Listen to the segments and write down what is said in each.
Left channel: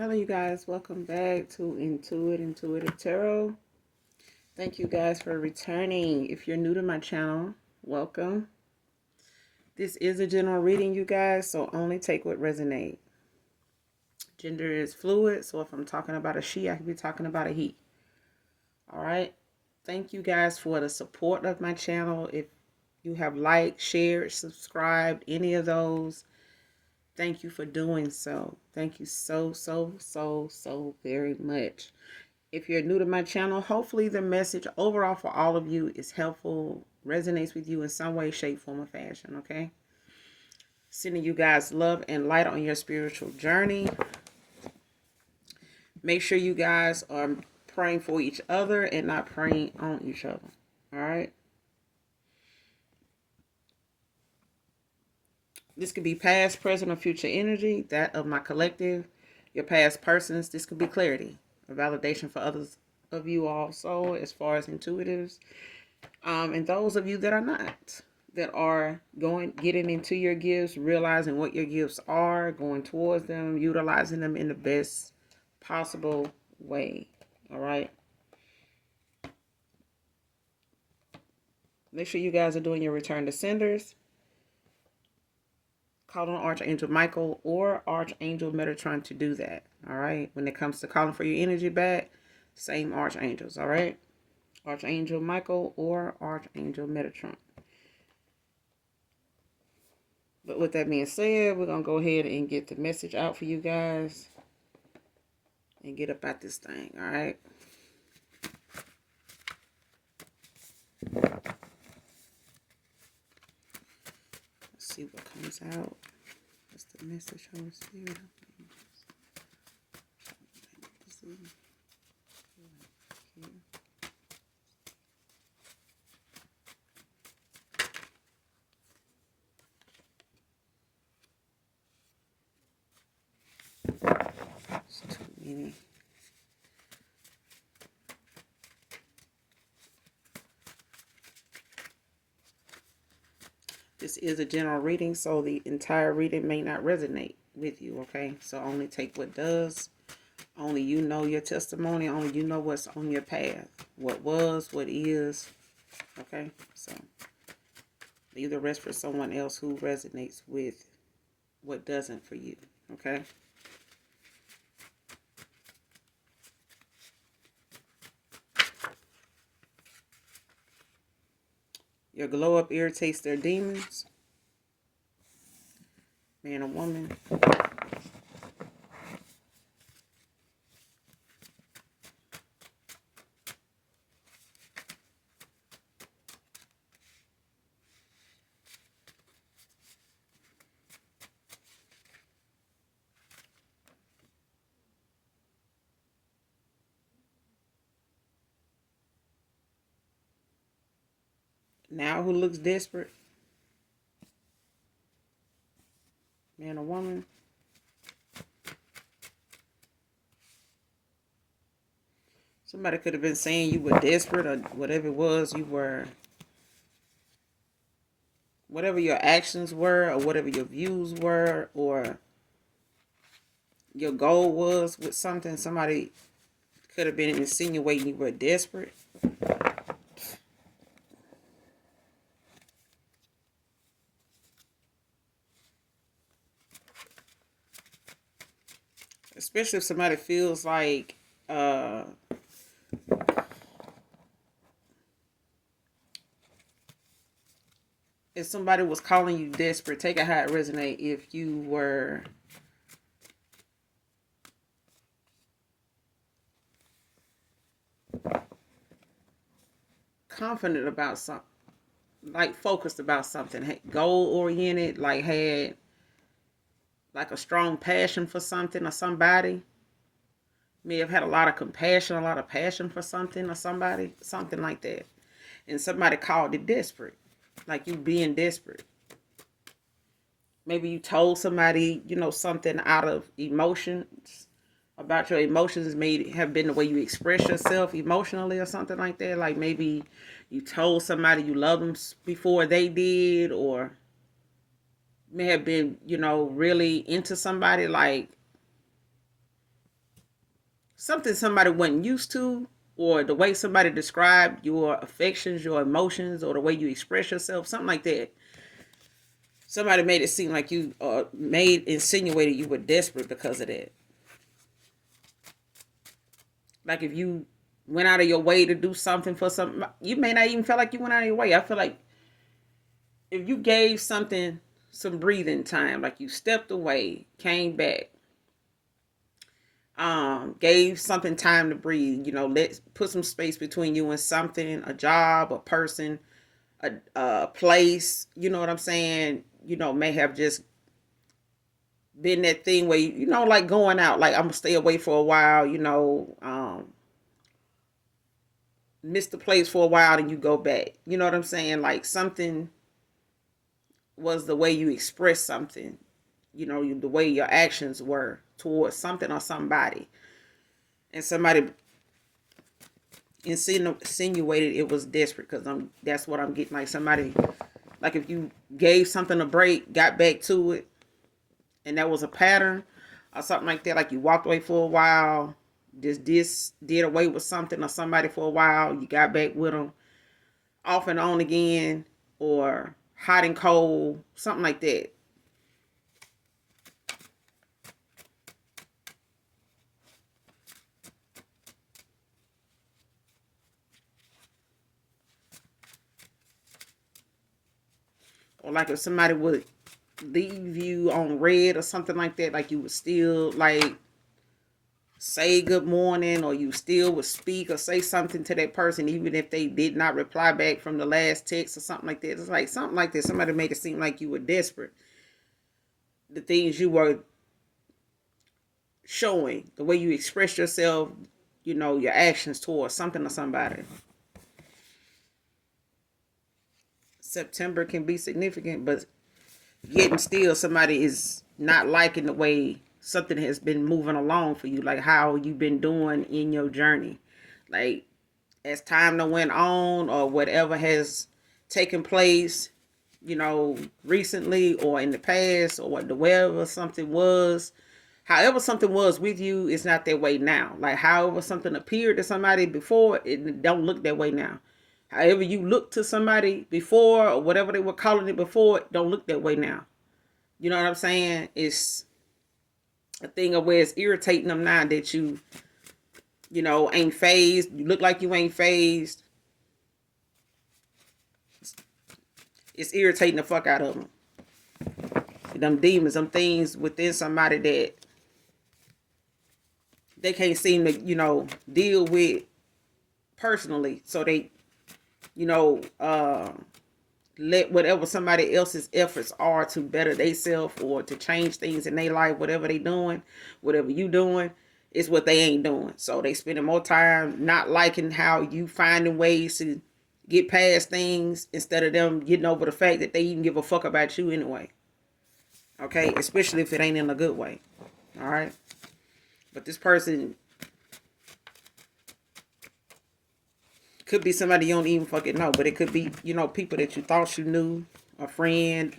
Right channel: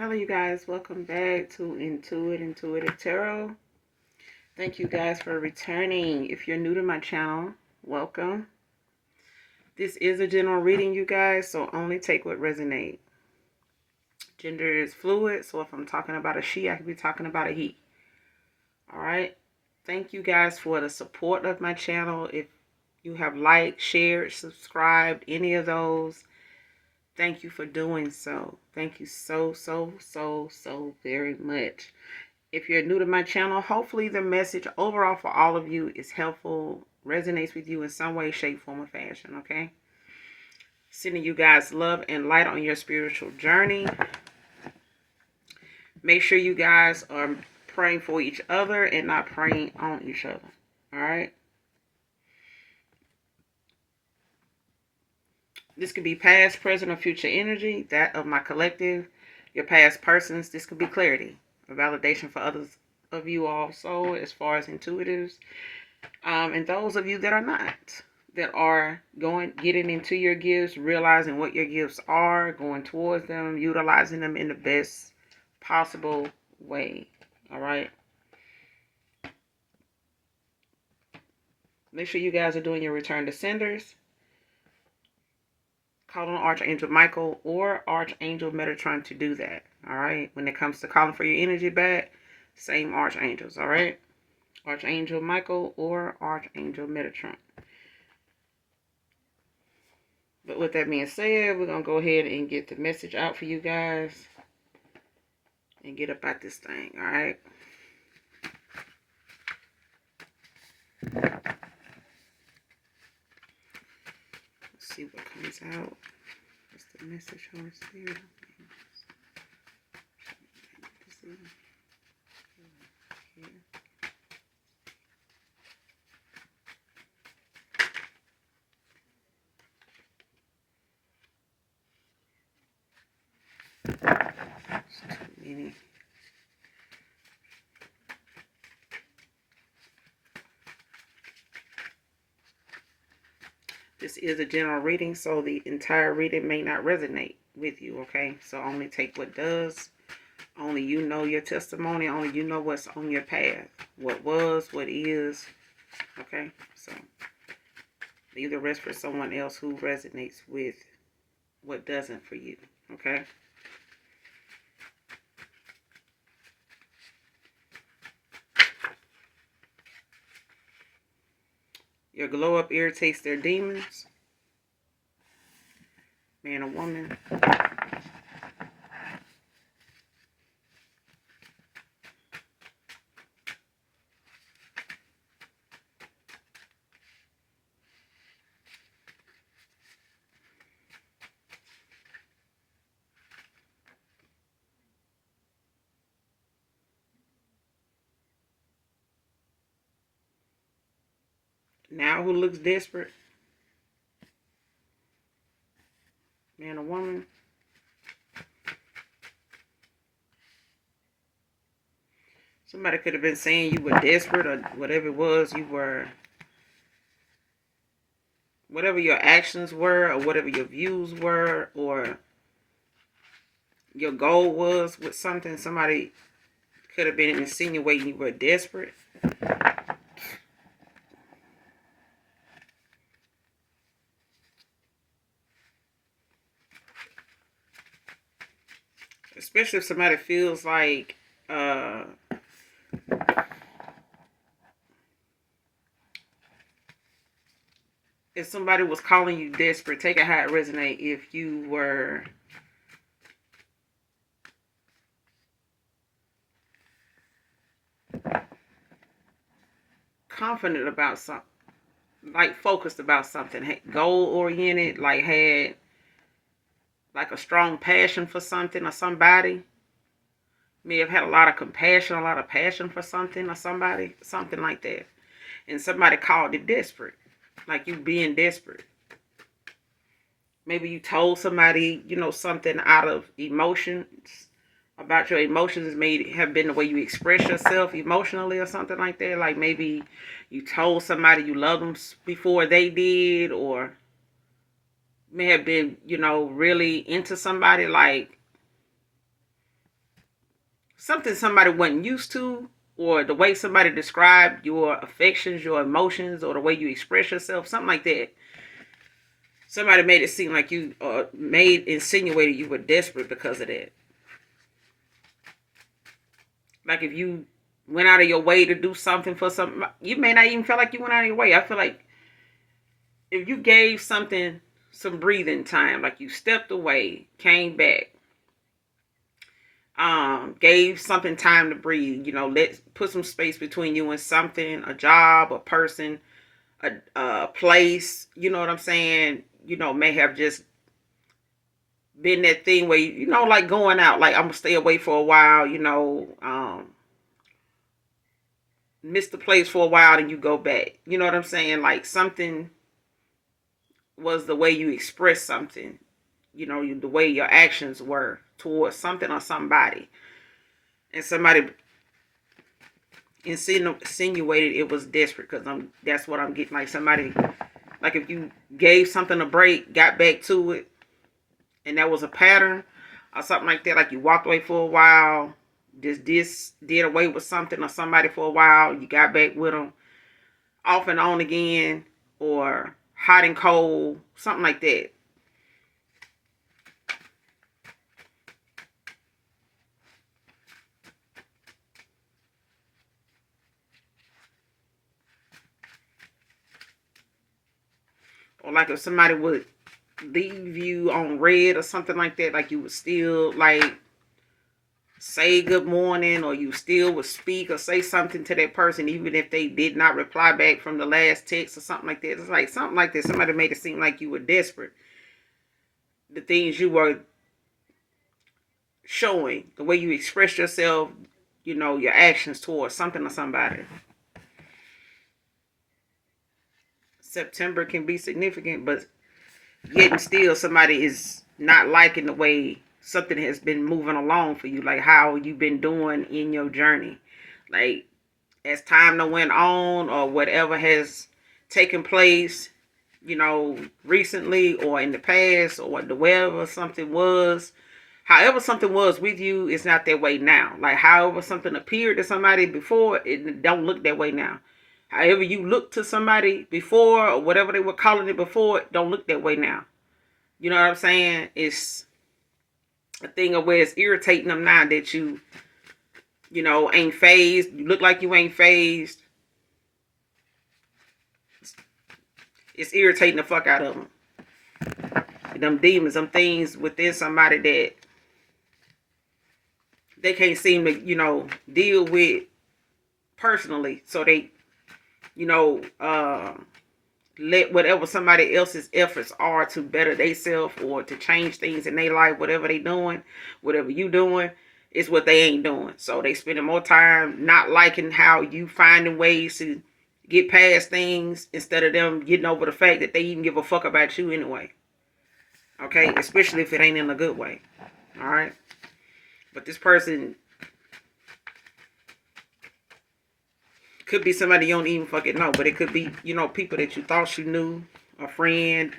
Hello, you guys. Welcome back to Intuitive Tarot. Thank you guys for returning. If you're new to my channel, welcome. This is a general reading, you guys, so only take what resonates. Gender is fluid, so if I'm talking about a she, I could be talking about a he. All right. Thank you guys for the support of my channel. If you have liked, shared, subscribed, any of those, thank you for doing so. Thank you so very much. If you're new to my channel, hopefully the message overall for all of you is helpful, resonates with you in some way, shape, form, or fashion, okay? Sending you guys love and light on your spiritual journey. Make sure you guys are praying for each other and not praying on each other, all right? This could be past, present, or future energy, that of my collective, your past persons. This could be clarity, a validation for others of you also, as far as intuitives. And those of you that are not, that are getting into your gifts, realizing what your gifts are, going towards them, utilizing them in the best possible way. All right. Make sure you guys are doing your return to senders. Call on Archangel Michael or Archangel Metatron to do that. All right. When it comes to calling for your energy back, same archangels. All right. Archangel Michael or Archangel Metatron. But with that being said, we're going to go ahead and get the message out for you guys and get up at this thing, all right? Let's see what comes out. What's the message on here? It's too many. This is a general reading, so the entire reading may not resonate with you, okay? So only take what does. Only you know your testimony. Only you know what's on your path. What was, what is, okay? So leave the rest for someone else who resonates with what doesn't for you, okay? Your glow up irritates their demons. Man or woman. Now who looks desperate? Man or woman. Somebody could have been saying you were desperate or whatever it was you were. Whatever your actions were or whatever your views were or your goal was with something, somebody could have been insinuating you were desperate. Especially if somebody feels like if somebody was calling you desperate, take it how it resonate. If you were confident about something, like focused about something, goal oriented, like had like a strong passion for something or somebody, may have had a lot of compassion, a lot of passion for something or somebody, something like that. And somebody called it desperate, like you being desperate. Maybe you told somebody, something out of emotions about your emotions may have been the way you express yourself emotionally or something like that. Like maybe you told somebody you love them before they did, or may have been, really into somebody, like something somebody wasn't used to, or the way somebody described your affections, your emotions, or the way you express yourself, something like that. Somebody made it seem like you insinuated you were desperate because of that. Like if you went out of your way to do something for something, you may not even feel like you went out of your way. I feel like if you gave something some breathing time, like you stepped away, came back, gave something time to breathe, let put some space between you and something, a job, a person, a place, you know what I'm saying, may have just been that thing where like going out, like I'm gonna stay away for a while, miss the place for a while and you go back. You know what I'm saying? Like something was the way you express something, the way your actions were towards something or somebody. And somebody insinuated it was desperate, because that's what I'm getting. Like somebody, like if you gave something a break, got back to it, and that was a pattern or something like that, like you walked away for a while, just did away with something or somebody for a while, you got back with them off and on again, or hot and cold, something like that. Or like if somebody would leave you on red or something like that, like you would still like say good morning, or you still would speak or say something to that person even if they did not reply back from the last text or something like that. It's like something like that. Somebody made it seem like you were desperate. The things you were showing, the way you express yourself, your actions towards something or somebody. September can be significant, but yet and still somebody is not liking the way something has been moving along for you, like how you've been doing in your journey. Like as time went on, or whatever has taken place, recently or in the past, or whatever something was, however something was with you, it's not that way now. Like however something appeared to somebody before, it don't look that way now. However you look to somebody before, or whatever they were calling it before, it don't look that way now. You know what I'm saying? It's a thing of where it's irritating them now that ain't phased. You look like you ain't phased. It's irritating the fuck out of them. Them demons, them things within somebody that they can't seem to, deal with personally. So they, let whatever somebody else's efforts are to better themselves or to change things in their life, whatever they doing, whatever you doing, is what they ain't doing. So they spending more time not liking how you finding ways to get past things, instead of them getting over the fact that they even give a fuck about you anyway. Okay, especially if it ain't in a good way. All right, but this person could be somebody you don't even fucking know, but it could be, people that you thought you knew, a friend,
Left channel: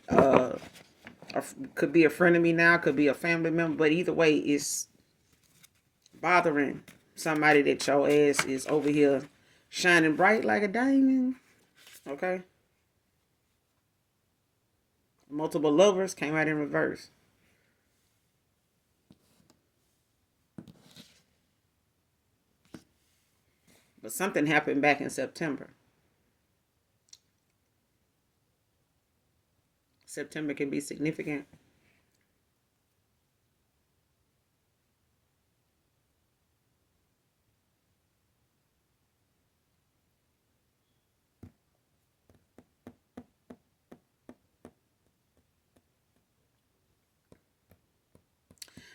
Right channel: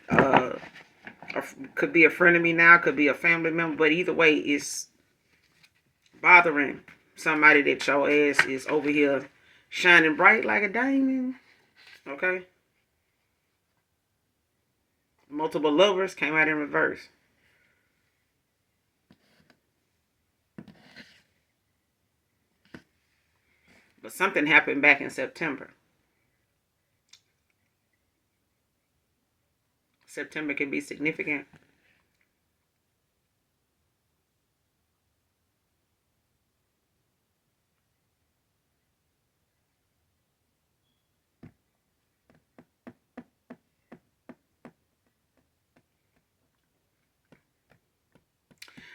could be a friend of me now, could be a family member, but either way, it's bothering somebody that your ass is over here shining bright like a diamond. Okay? Multiple lovers came out in reverse. But something happened back in September. September can be significant.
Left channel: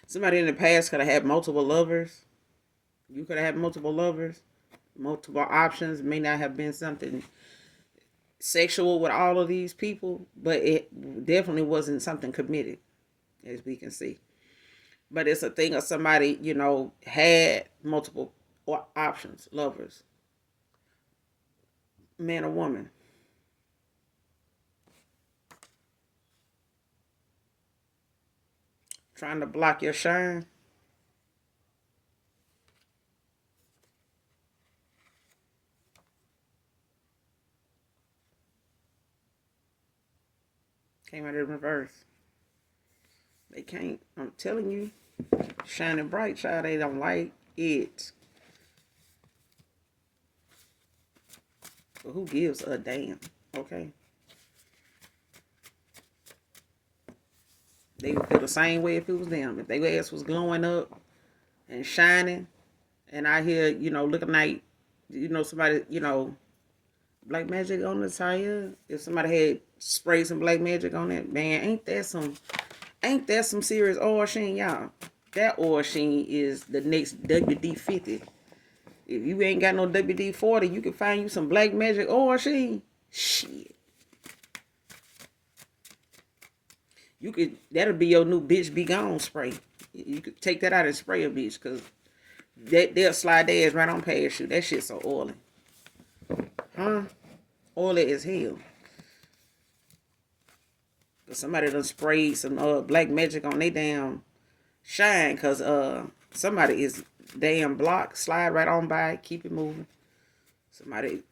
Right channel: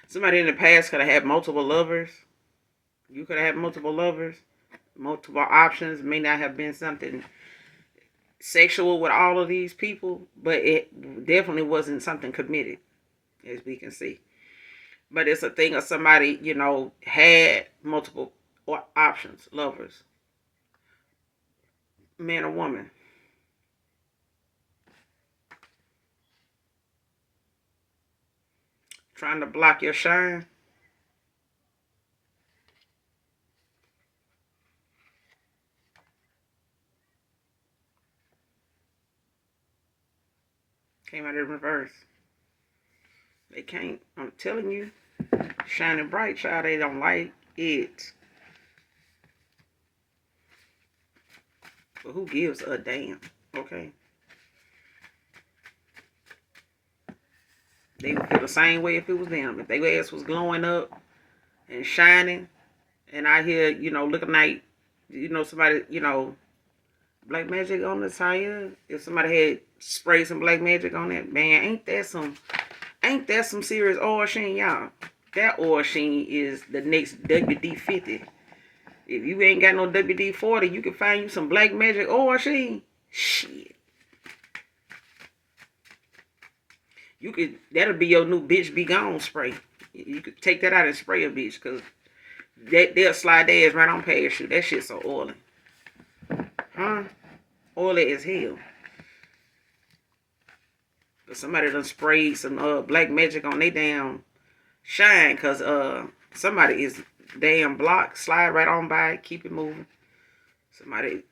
Somebody in the past could have had multiple lovers. You could have had multiple lovers, multiple options. It may not have been something sexual with all of these people, but it definitely wasn't something committed, as we can see. But it's a thing of somebody, had multiple options, lovers, man or woman. Trying to block your shine. Came out in reverse. They can't. I'm telling you. Shining bright, child. They don't like it. But who gives a damn? Okay. They would feel the same way if it was them. If their ass was glowing up and shining, and I hear, looking like, somebody, black magic on the tire. If somebody had sprayed some black magic on that, man, ain't that some serious oil sheen, y'all? That oil sheen is the next WD-50. If you ain't got no WD-40, you can find you some black magic oil sheen. Shit. That'll be your new bitch be gone spray. You could take that out and spray a bitch, because they'll slide their ass right on past you. That shit's so oily. Huh? Oily as hell. But somebody done sprayed some black magic on they damn shine, because somebody is damn block. Slide right on by. Keep it moving. Somebody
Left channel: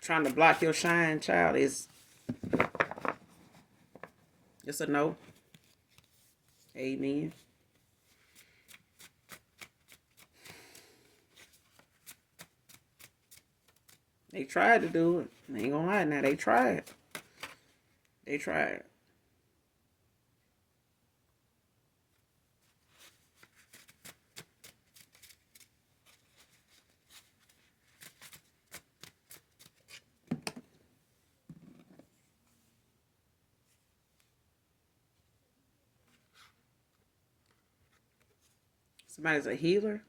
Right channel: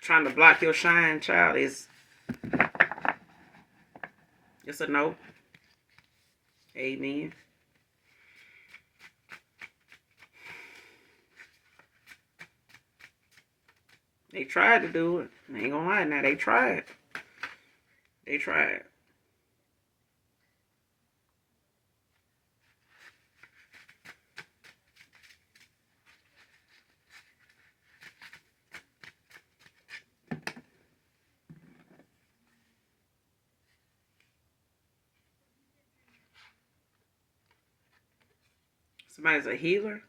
trying to block your shine, child, is just a no. Amen. They tried to do it. I ain't gonna lie now. They tried. They tried. Somebody's a healer.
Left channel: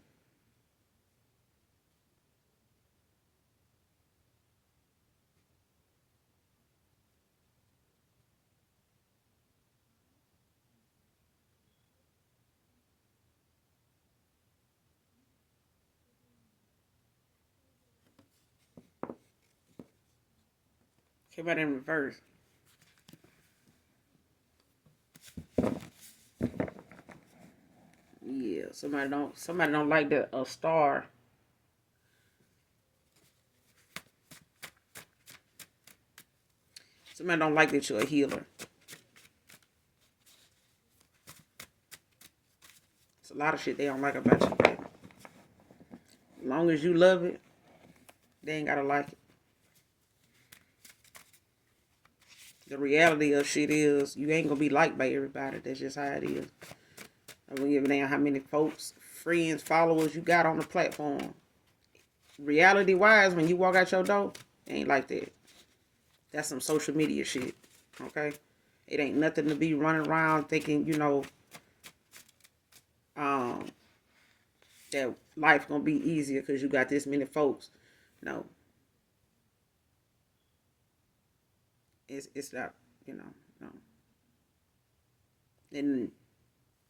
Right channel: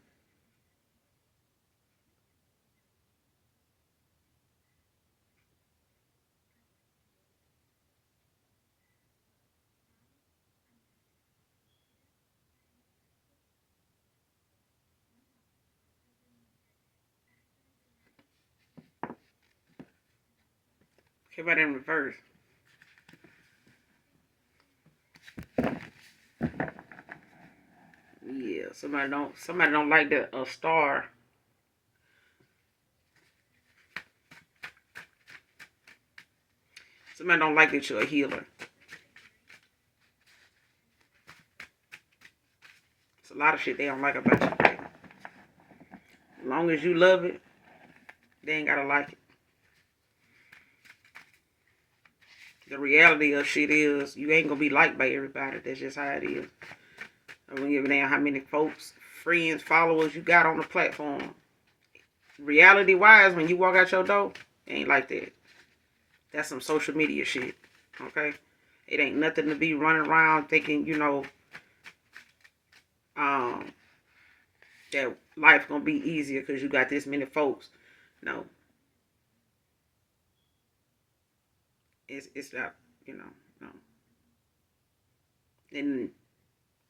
Came out in reverse. Yeah, somebody don't like a star. Somebody don't like that you're a healer. It's a lot of shit they don't like about you, baby. As long as you love it, they ain't gotta like it. The reality of shit is you ain't gonna be liked by everybody. That's just how it is. I don't give a damn how many folks, friends, followers you got on the platform. Reality wise, when you walk out your door, it ain't like that. That's some social media shit. Okay? It ain't nothing to be running around thinking, that life gonna be easier because you got this many folks. No. It's not, no. And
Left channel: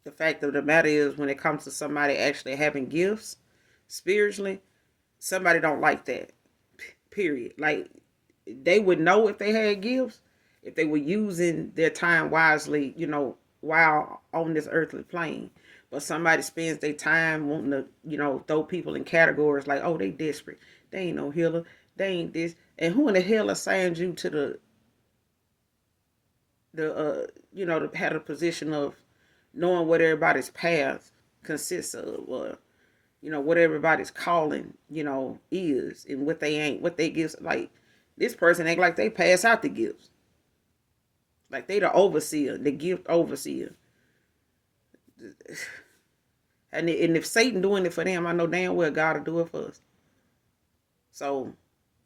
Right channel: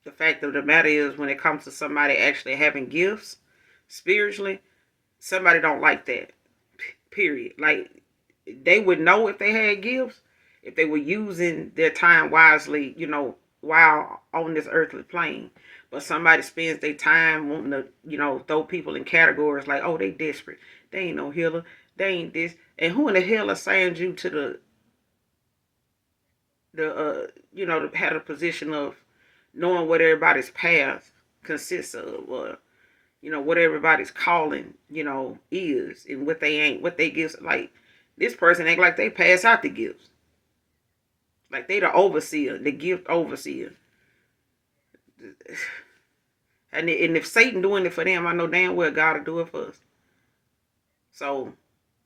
the fact of the matter is, when it comes to somebody actually having gifts spiritually, somebody don't like that. Period. Like, they would know if they had gifts, if they were using their time wisely, while on this earthly plane. But somebody spends their time wanting to, throw people in categories like, oh, they desperate. They ain't no healer. They ain't this. And who in the hell assigned you to to have a position of knowing what everybody's path consists of, or, what everybody's calling, is, and what they gifts. Like, this person act like they pass out the gifts. Like they the overseer, the gift overseer. And if Satan doing it for them, I know damn well God will do it for us. So,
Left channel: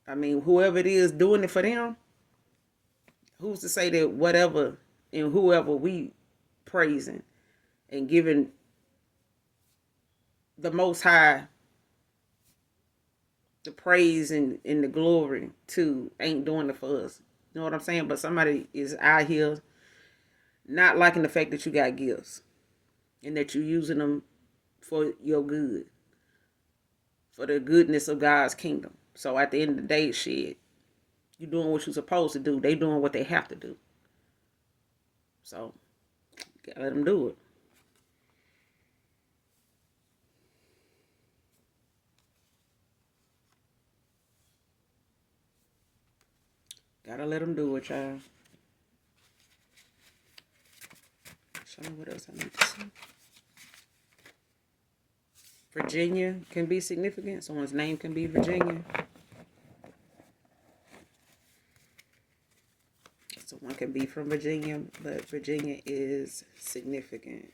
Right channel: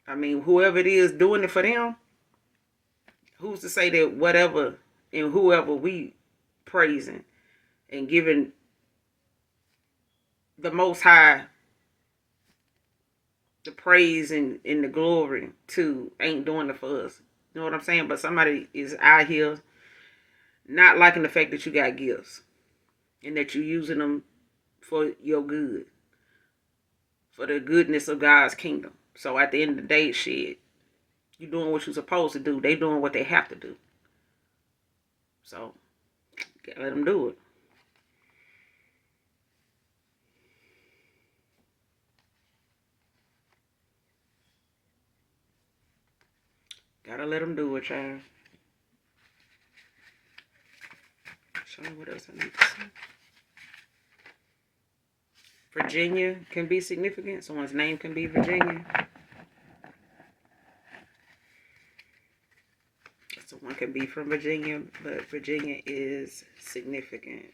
I mean, whoever it is doing it for them, who's to say that whatever and whoever we praising and giving the Most High the praise and the glory to ain't doing it for us. You know what I'm saying? But somebody is out here not liking the fact that you got gifts and that you're using them for your good, for the goodness of God's kingdom. So at the end of the day, shit, you doing what you're supposed to do. They doing what they have to do. So, gotta let them do it. Gotta let them do it, child. What else I need to say? Virginia can be significant. Someone's name can be Virginia. Someone can be from Virginia, but Virginia is significant.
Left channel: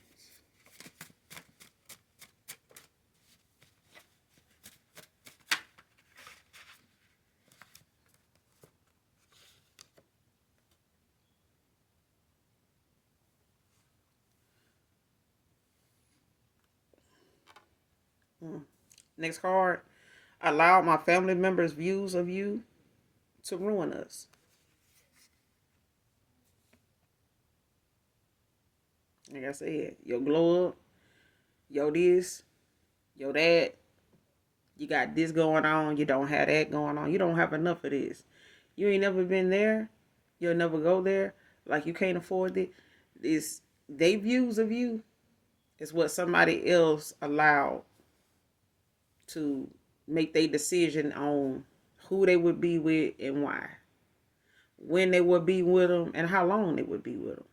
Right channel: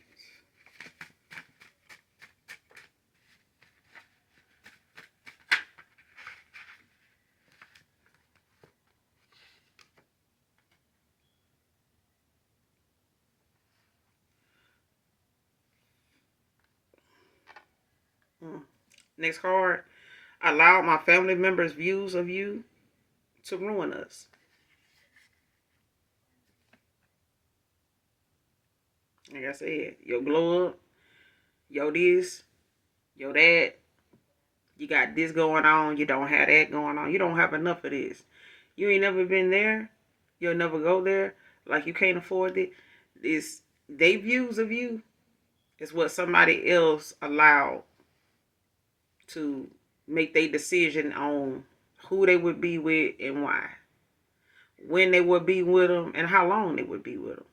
Next card. Allow my family members' views of you to ruin us. Like I said, your glow up, your this, your that. You got this going on. You don't have that going on. You don't have enough of this. You ain't never been there. You'll never go there. Like you can't afford it. It's they views of you is what somebody else allowed to make their decision on who they would be with and why. When they would be with them and how long they would be with them.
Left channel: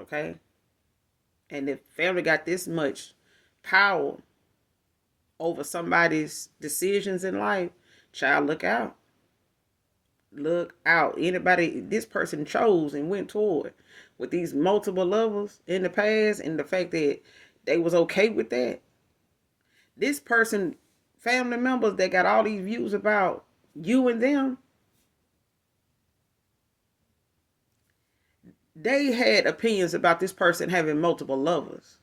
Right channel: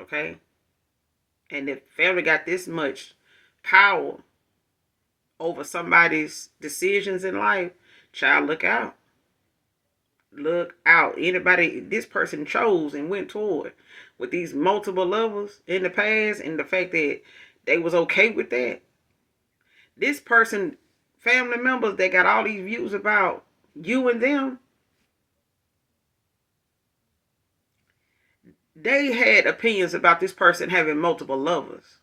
Okay? And if family got this much power over somebody's decisions in life, child, look out. Look out. Anybody this person chose and went toward with these multiple lovers in the past, and the fact that they was okay with that. This person, family members that got all these views about you and them, they had opinions about this person having multiple lovers.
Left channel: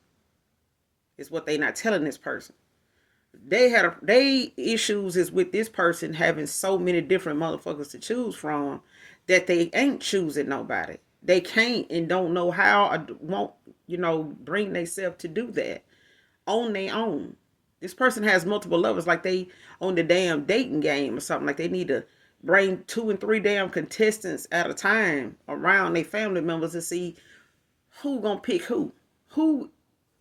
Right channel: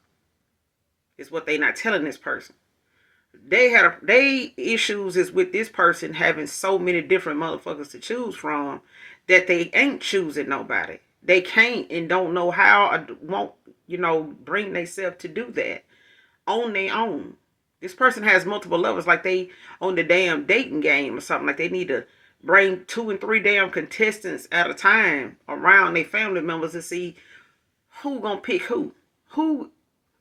Is what they not telling this person. They issues is with this person having so many different motherfuckers to choose from that they ain't choosing nobody. They can't and don't know how or won't, bring themselves to do that on their own. This person has multiple lovers, like they on the damn dating game or something. Like they need to bring 2 and 3 damn contestants at a time around their family members to see who gonna pick who.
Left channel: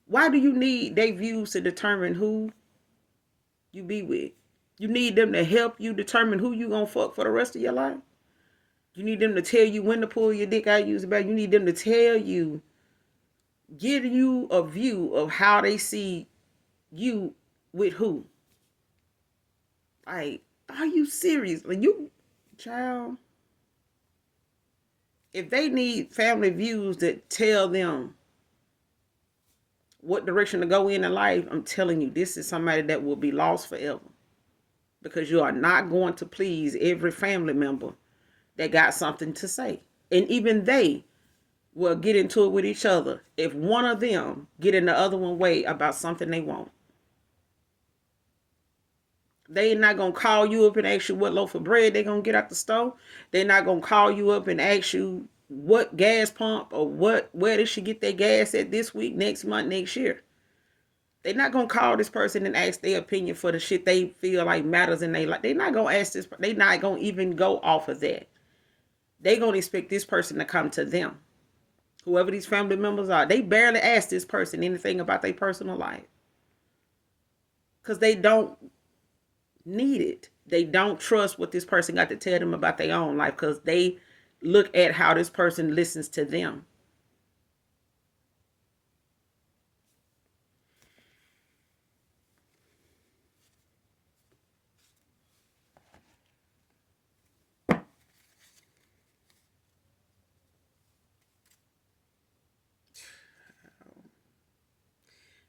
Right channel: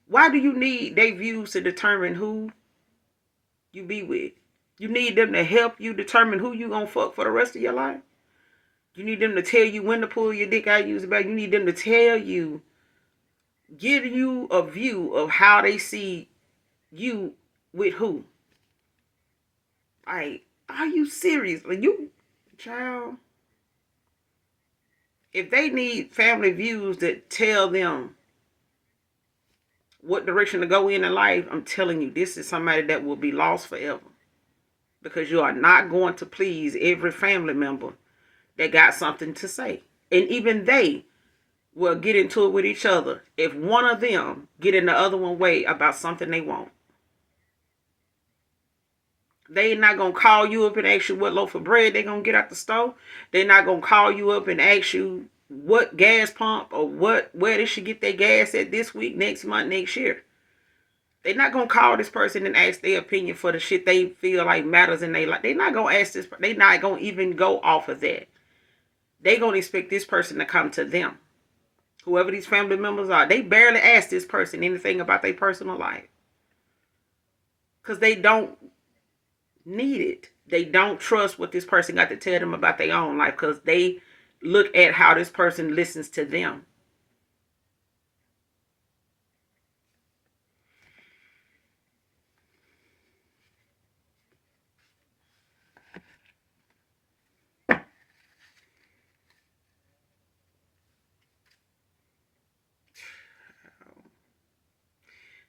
Why do you need their views to determine who you be with? You need them to help you determine who you gonna fuck for the rest of your life. You need them to tell you when to pull your dick out. Use about. You need them to tell you, give you a view of how they see you with who. Like, are you serious? Like you, child. If they need family views that tell them what direction to go in life, I'm telling you, this is somebody that will be lost forever. Because you are not going to please every family member that got something to say. And even they will get into it with each other if one of them get in the other one way about something they want. They not going to call you up and ask you what loaf of bread they going to get out the store. They not going to call you up and ask you what gas pump or where they should get their gas at this week, next month, next year. They're not going to call this person and ask their opinion for the shit they feel like matters in their life. They're not going to ask this. They're not going to even go off of that. They're going to expect this person to come to them. Whoever these family members are, they barely ask this person anything about their personal life. Because they don't need it. They don't trust what this person got to tell them about their own life because they look at how this person listens to them.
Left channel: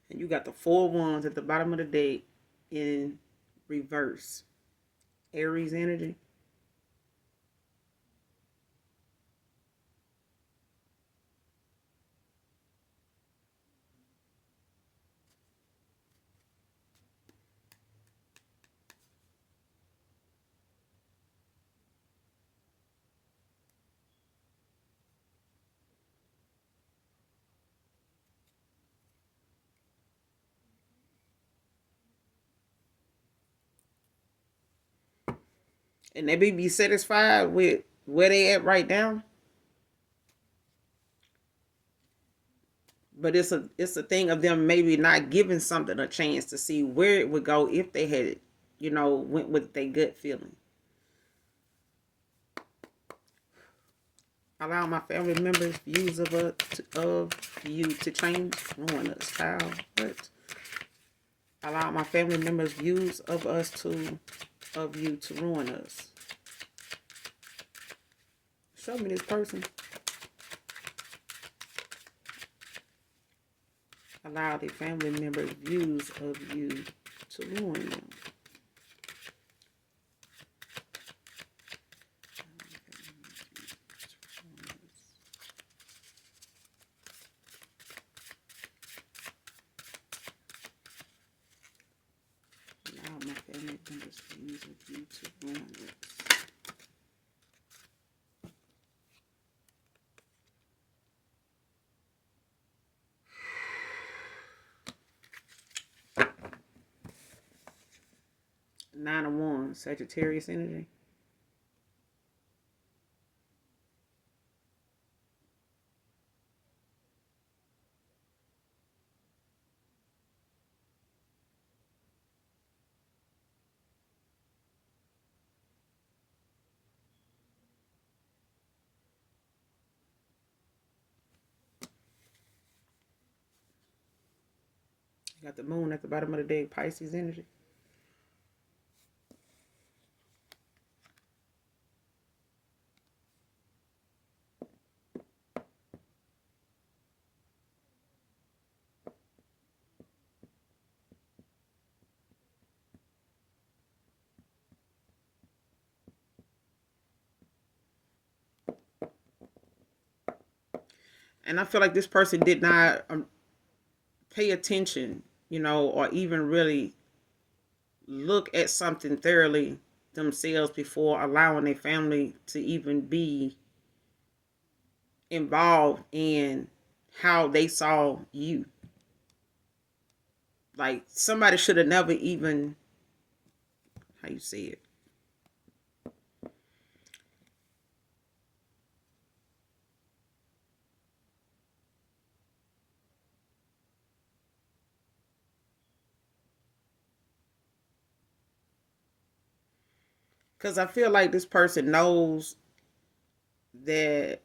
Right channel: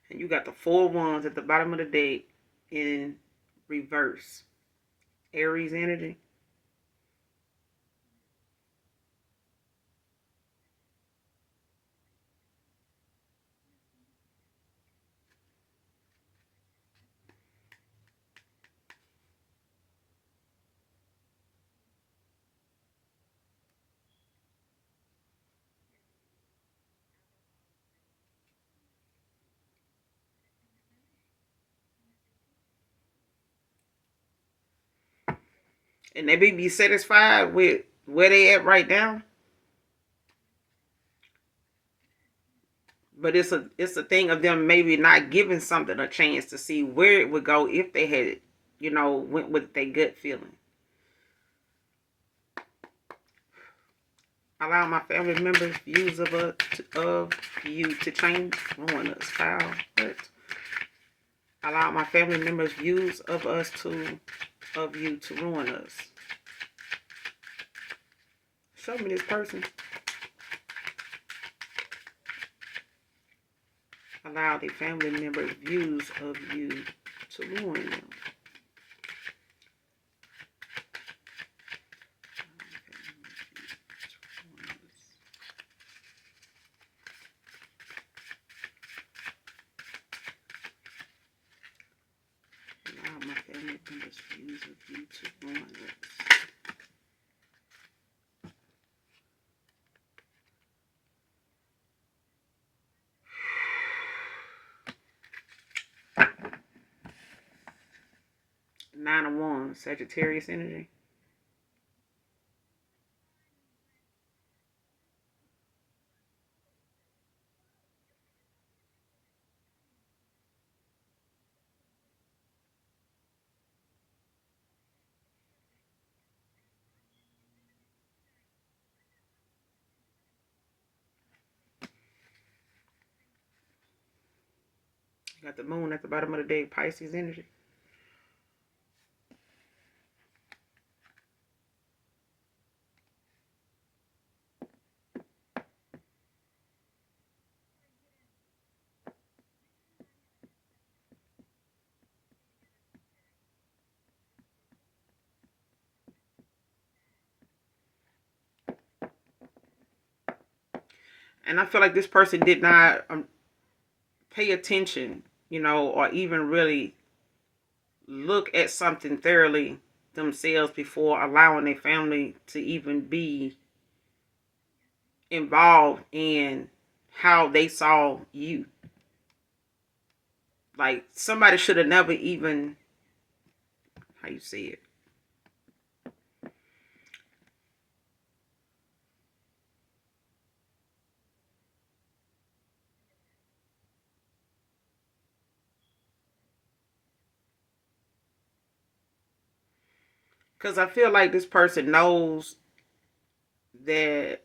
And you got the 4 wands at the bottom of the deck in reverse. Aries energy. And they be satisfied with where they at right now. But it's a thing of them maybe not giving something a chance to see where it would go if they had, went with their gut feeling. Allow my family members' views of you to change. Ruin us, child. What? Allow my family members' views of you to ruin us. Show me this person. Allow the family members' views of you to ruin them. Allow my family members' views of you to ruin us. Nine of Wands, Sagittarius energy. You got the moon at the bottom of the deck, Pisces energy. And I feel like this person did not pay attention, or even really look at something thoroughly themselves before allowing their family to even be involved in how they saw you. Like somebody should have never even, how you say it, because I feel like this person knows that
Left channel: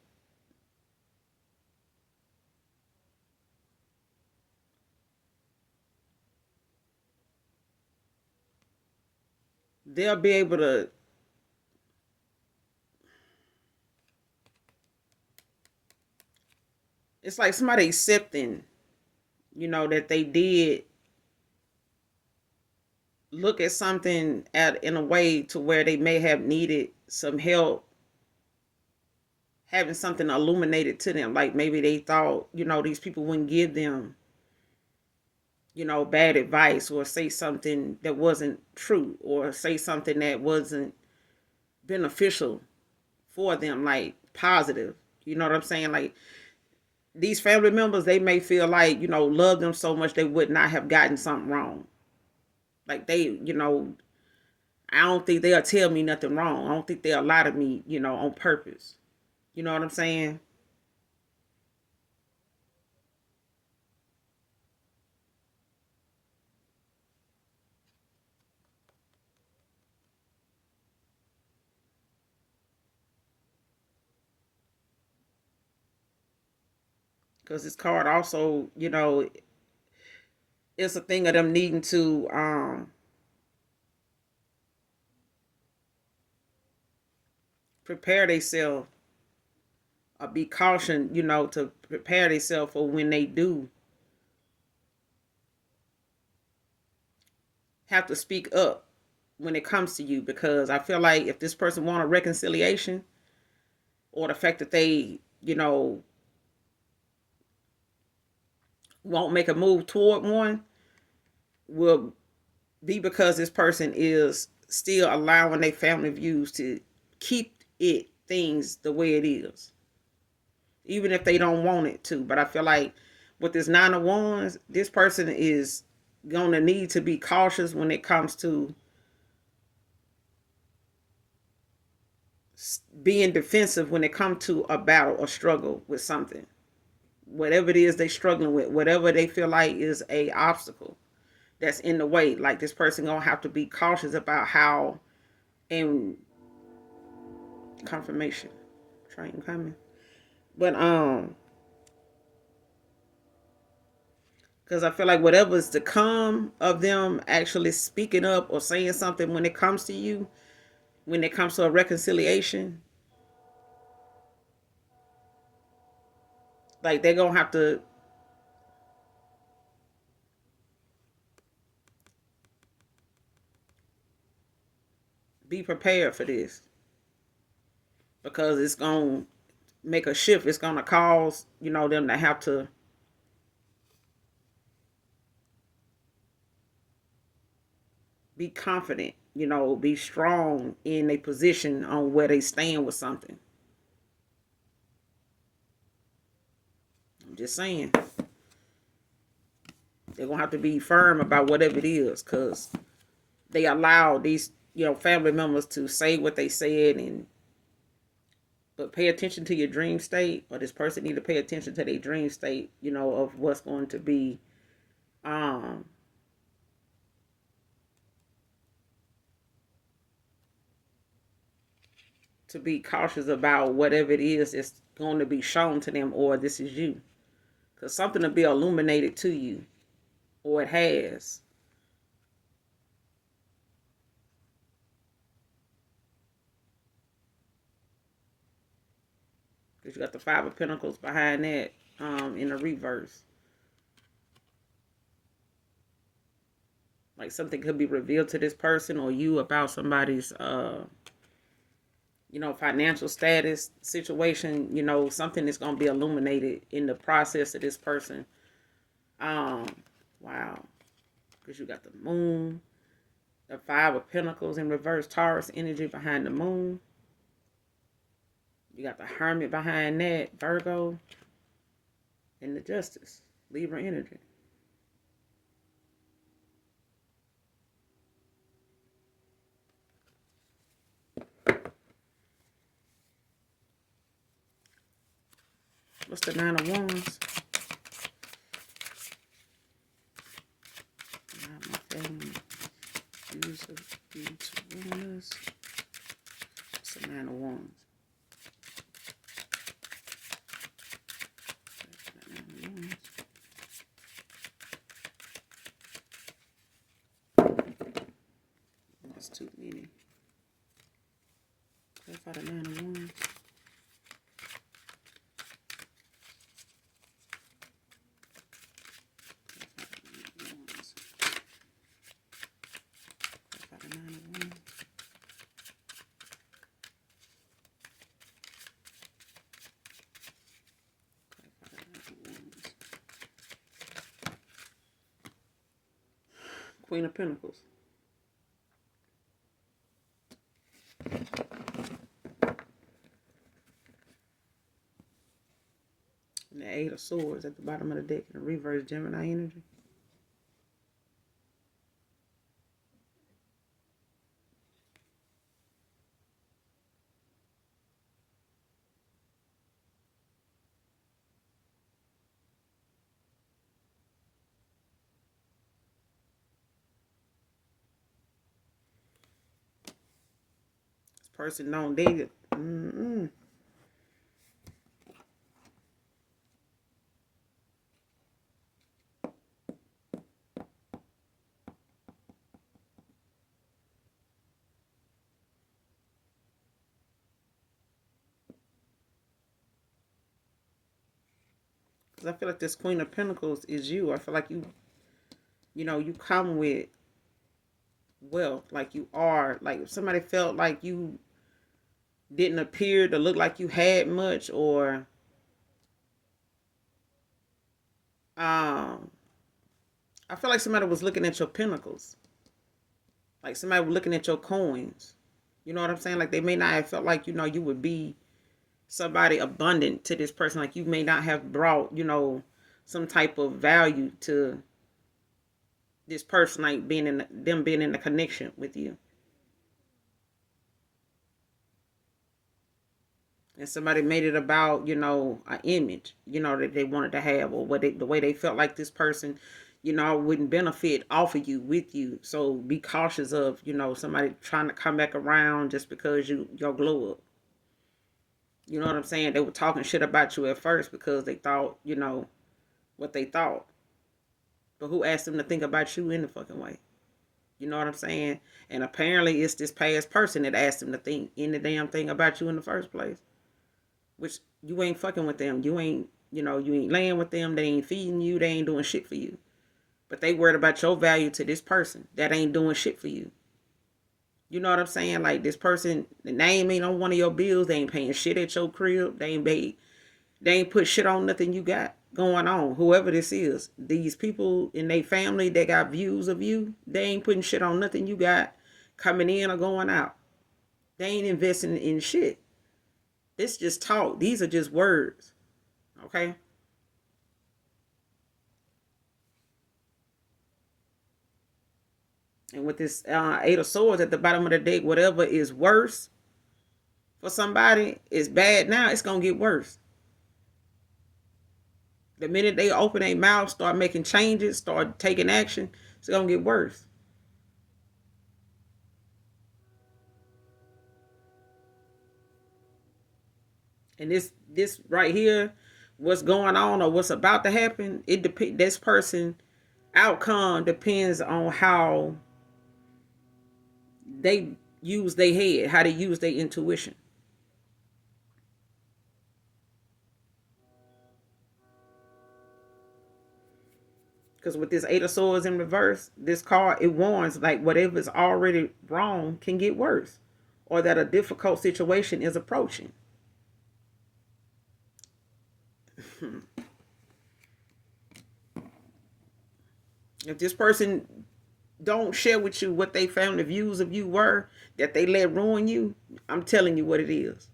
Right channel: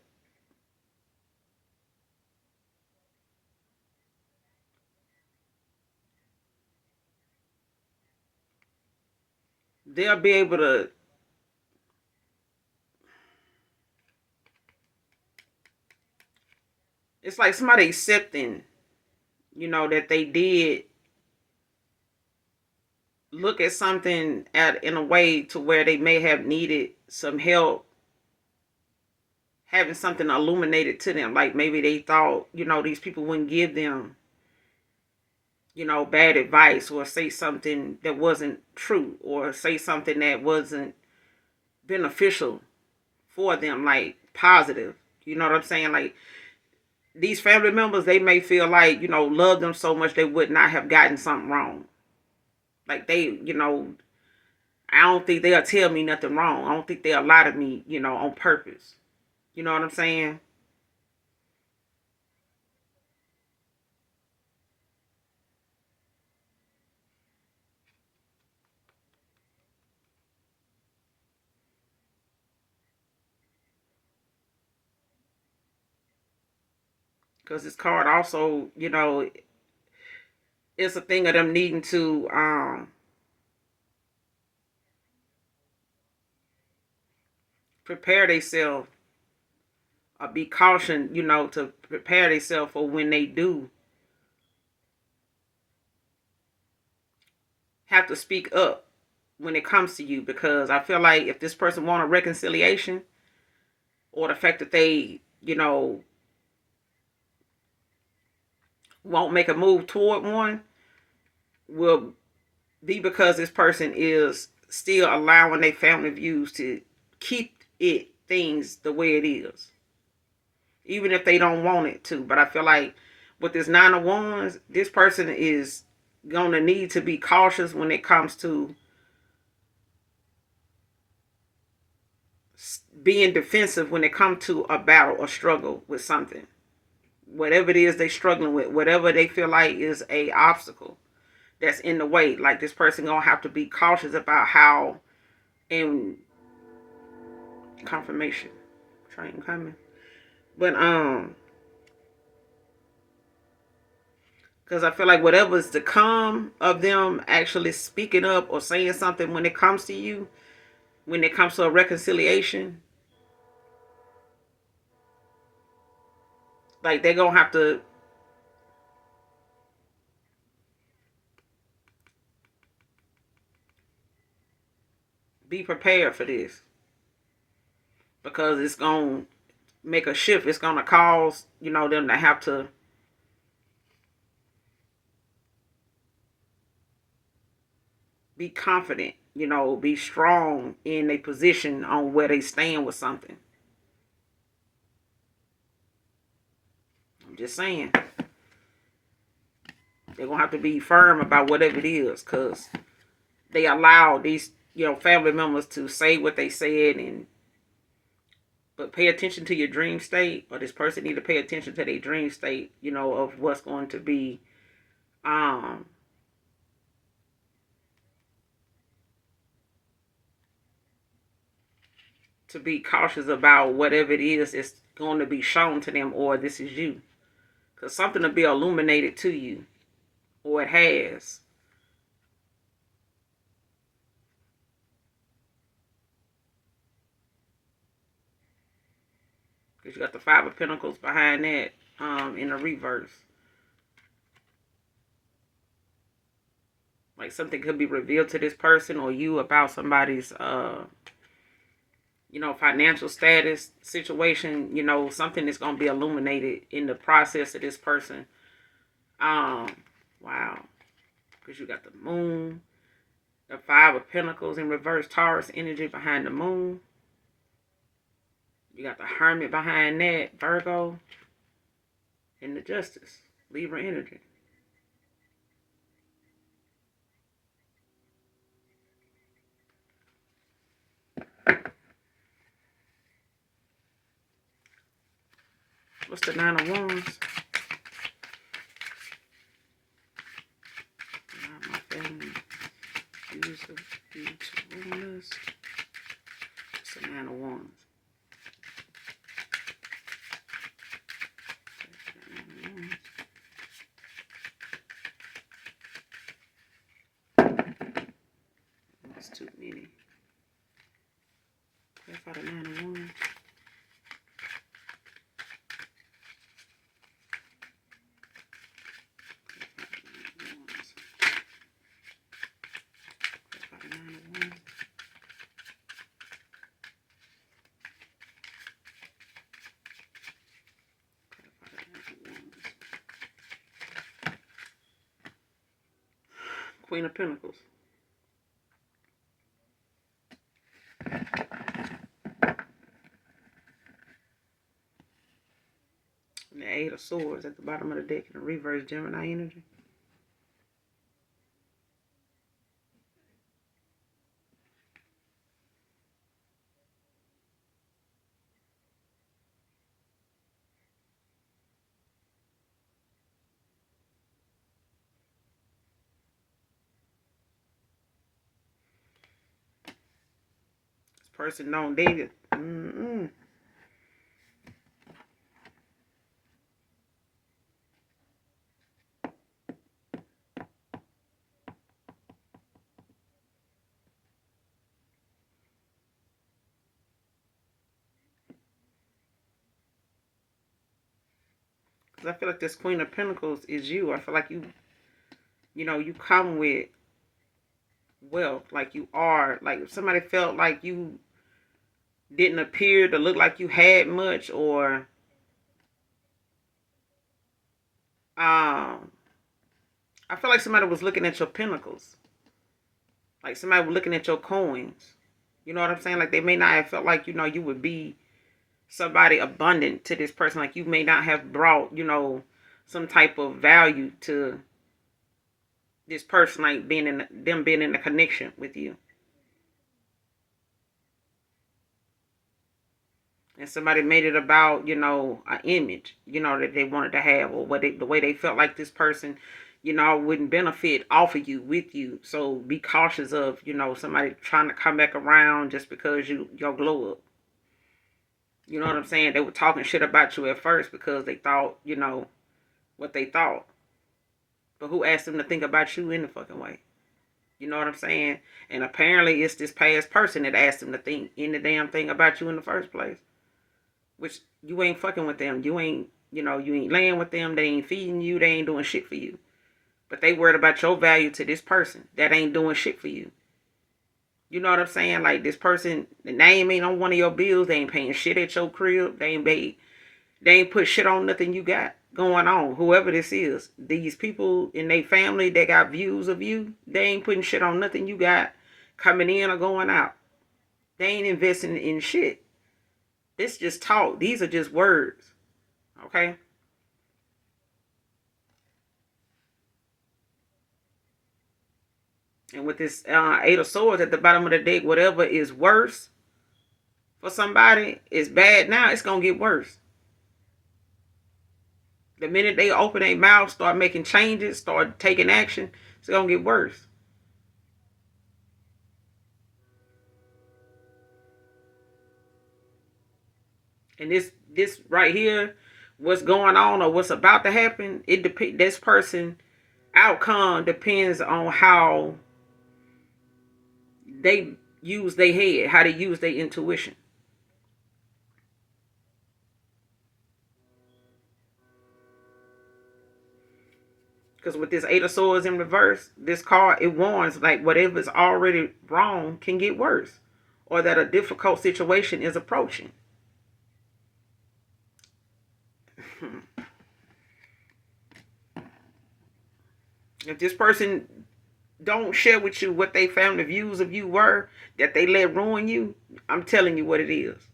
they'll be able to, it's like somebody accepting, that they did look at something in a way to where they may have needed some help having something illuminated to them. Like maybe they thought, these people wouldn't give them, bad advice, or say something that wasn't true, or say something that wasn't beneficial for them, like positive. You know what I'm saying? Like these family members, they may feel like, love them so much they would not have gotten something wrong. Like they, I don't think they'll tell me nothing wrong. I don't think they'll lie to me, on purpose. You know what I'm saying? Because this card also, it's a thing of them needing to prepare themselves, or be cautioned, to prepare themselves for when they do have to speak up when it comes to you. Because I feel like if this person want a reconciliation, or the fact that they, won't make a move toward one, will be because this person is still allowing their family views to keep things the way it is, even if they don't want it to. But I feel like with this Nine of Wands, this person is going to need to be cautious when it comes to being defensive when it comes to a battle or struggle with something. Whatever it is they're struggling with, whatever they feel like is a obstacle that's in the way, like this person gonna have to be cautious about how. And confirmation train coming, But because I feel like whatever's to come of them actually speaking up or saying something when it comes to you, when it comes to a reconciliation, like they're gonna have to be prepared for this, because it's gonna make a shift. It's gonna cause, them to have to be confident, be strong in a position on where they stand with something. I'm just saying. They're gonna have to be firm about whatever it is, because they allow these, family members to say what they said, but pay attention to your dream state, or this person need to pay attention to their dream state, of what's going to be, to be cautious about whatever it is that's going to be shown to them, or this is you, because something will be illuminated to you, or it has. Because you got the Five of Pentacles behind that, in a reverse. Like something could be revealed to this person or you about somebody's, financial status, situation. Something is going to be illuminated in the process of this person. Wow. Because you got the Moon, the Five of Pentacles in reverse, Taurus energy behind the Moon. You got the Hermit behind that, Virgo, and the Justice, Libra energy. What's the Nine of Wands? My family, use of Wands. What's the Nine of Wands? That's too many. Clarify the Nine of Wands. Queen of Pentacles. And the Eight of Swords at the bottom of the deck in the reverse, Gemini energy. This person don't date it. I feel like this Queen of Pentacles is you. I feel like you come with wealth. Like you are. Like if somebody felt like you didn't appear to look like you had much, or I feel like somebody was looking at your pentacles. Like somebody was looking at your coins. You know what I'm saying? Like they may not have felt like, you would be somebody abundant to this person. Like you may not have brought, some type of value to this person, like being in a connection with you. And somebody made it about, an image, that they wanted to have, or the way they felt like this person, wouldn't benefit off of you, with you. So be cautious of, somebody trying to come back around just because your glow up. You know what I'm saying? They were talking shit about you at first because they thought, what they thought. But who asked them to think about you in the fucking way? You know what I'm saying? And apparently it's this past person that asked them to think any damn thing about you in the first place. Which you ain't fucking with them. You ain't laying with them. They ain't feeding you. They ain't doing shit for you. But they worried about your value to this person that ain't doing shit for you. You know what I'm saying? Like this person, the name ain't on one of your bills. They ain't paying shit at your crib. They ain't put shit on nothing you got going on. Whoever this is, these people in their family that got views of you, they ain't putting shit on nothing you got coming in or going out. They ain't investing in shit. This just talk. These are just words. Okay? And with this Eight of Swords at the bottom of the deck, whatever is worse for somebody is bad now, it's going to get worse. The minute they open their mouth, start making changes, start taking action, it's going to get worse. And this right here, what's going on or what's about to happen, this person outcome depends on how they use their head, how they use their intuition. Because with this Eight of Swords in reverse, this card, it warns like whatever's already wrong can get worse, or that a difficult situation is approaching. If this person don't share with you what they found the views of you were, that they let ruin you, I'm telling you what it is.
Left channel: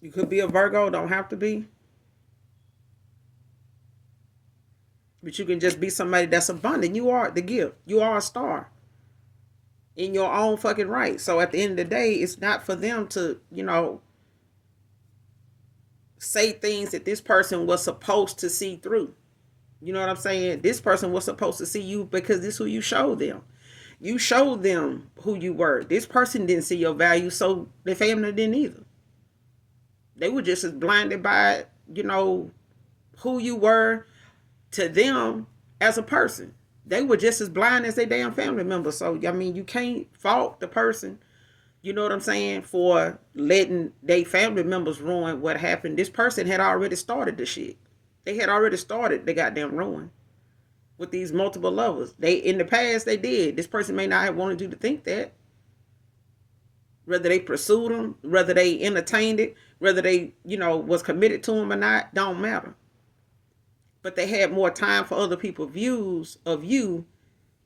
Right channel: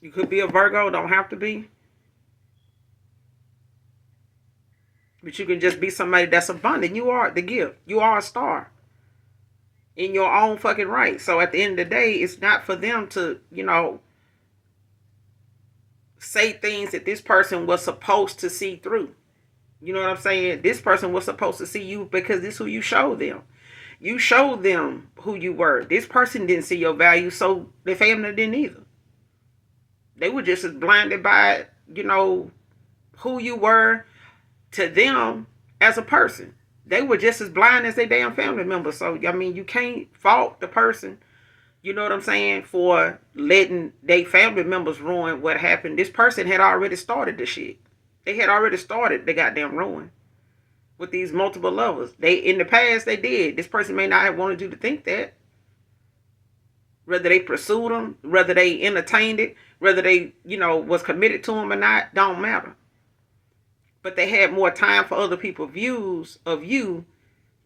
You could be a Virgo, don't have to be. But you can just be somebody that's abundant. You are the gift. You are a star in your own fucking right. So at the end of the day, it's not for them to, say things that this person was supposed to see through. You know what I'm saying? This person was supposed to see you because this is who you showed them. You showed them who you were. This person didn't see your value, so the family didn't either. They were just as blinded by, who you were to them as a person. They were just as blind as their damn family members. So, you can't fault the person, you know what I'm saying, for letting their family members ruin what happened. This person had already started the shit. They had already started the goddamn ruin with these multiple lovers. In the past, they did. This person may not have wanted you to think that. Whether they pursued them, whether they entertained it, whether they, was committed to them or not, don't matter. But they had more time for other people's views of you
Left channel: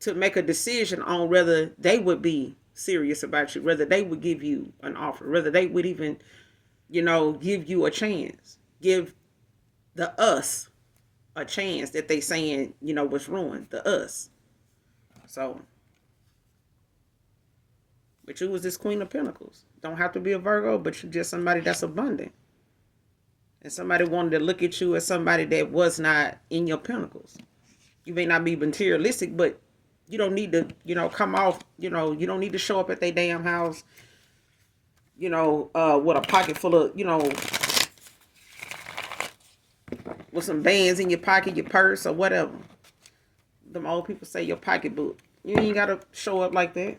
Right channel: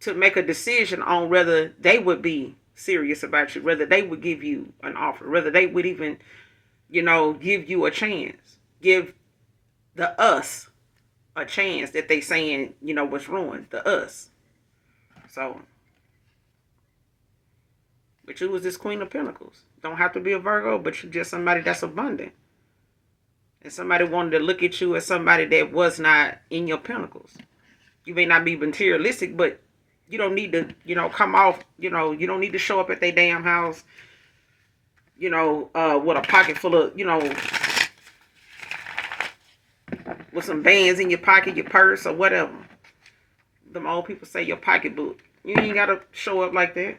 to make a decision on whether they would be serious about you, whether they would give you an offer, whether they would even, give you a chance, give the us a chance that they saying, was ruined, the us. So, but you was this Queen of Pentacles. Don't have to be a Virgo, but you just somebody that's abundant. And somebody wanted to look at you as somebody that was not in your pentacles. You may not be materialistic, but you don't need to, come off, you don't need to show up at their damn house, with a pocket full of, with some bands in your pocket, your purse, or whatever. Them old people say your pocketbook. You ain't got to show up like that.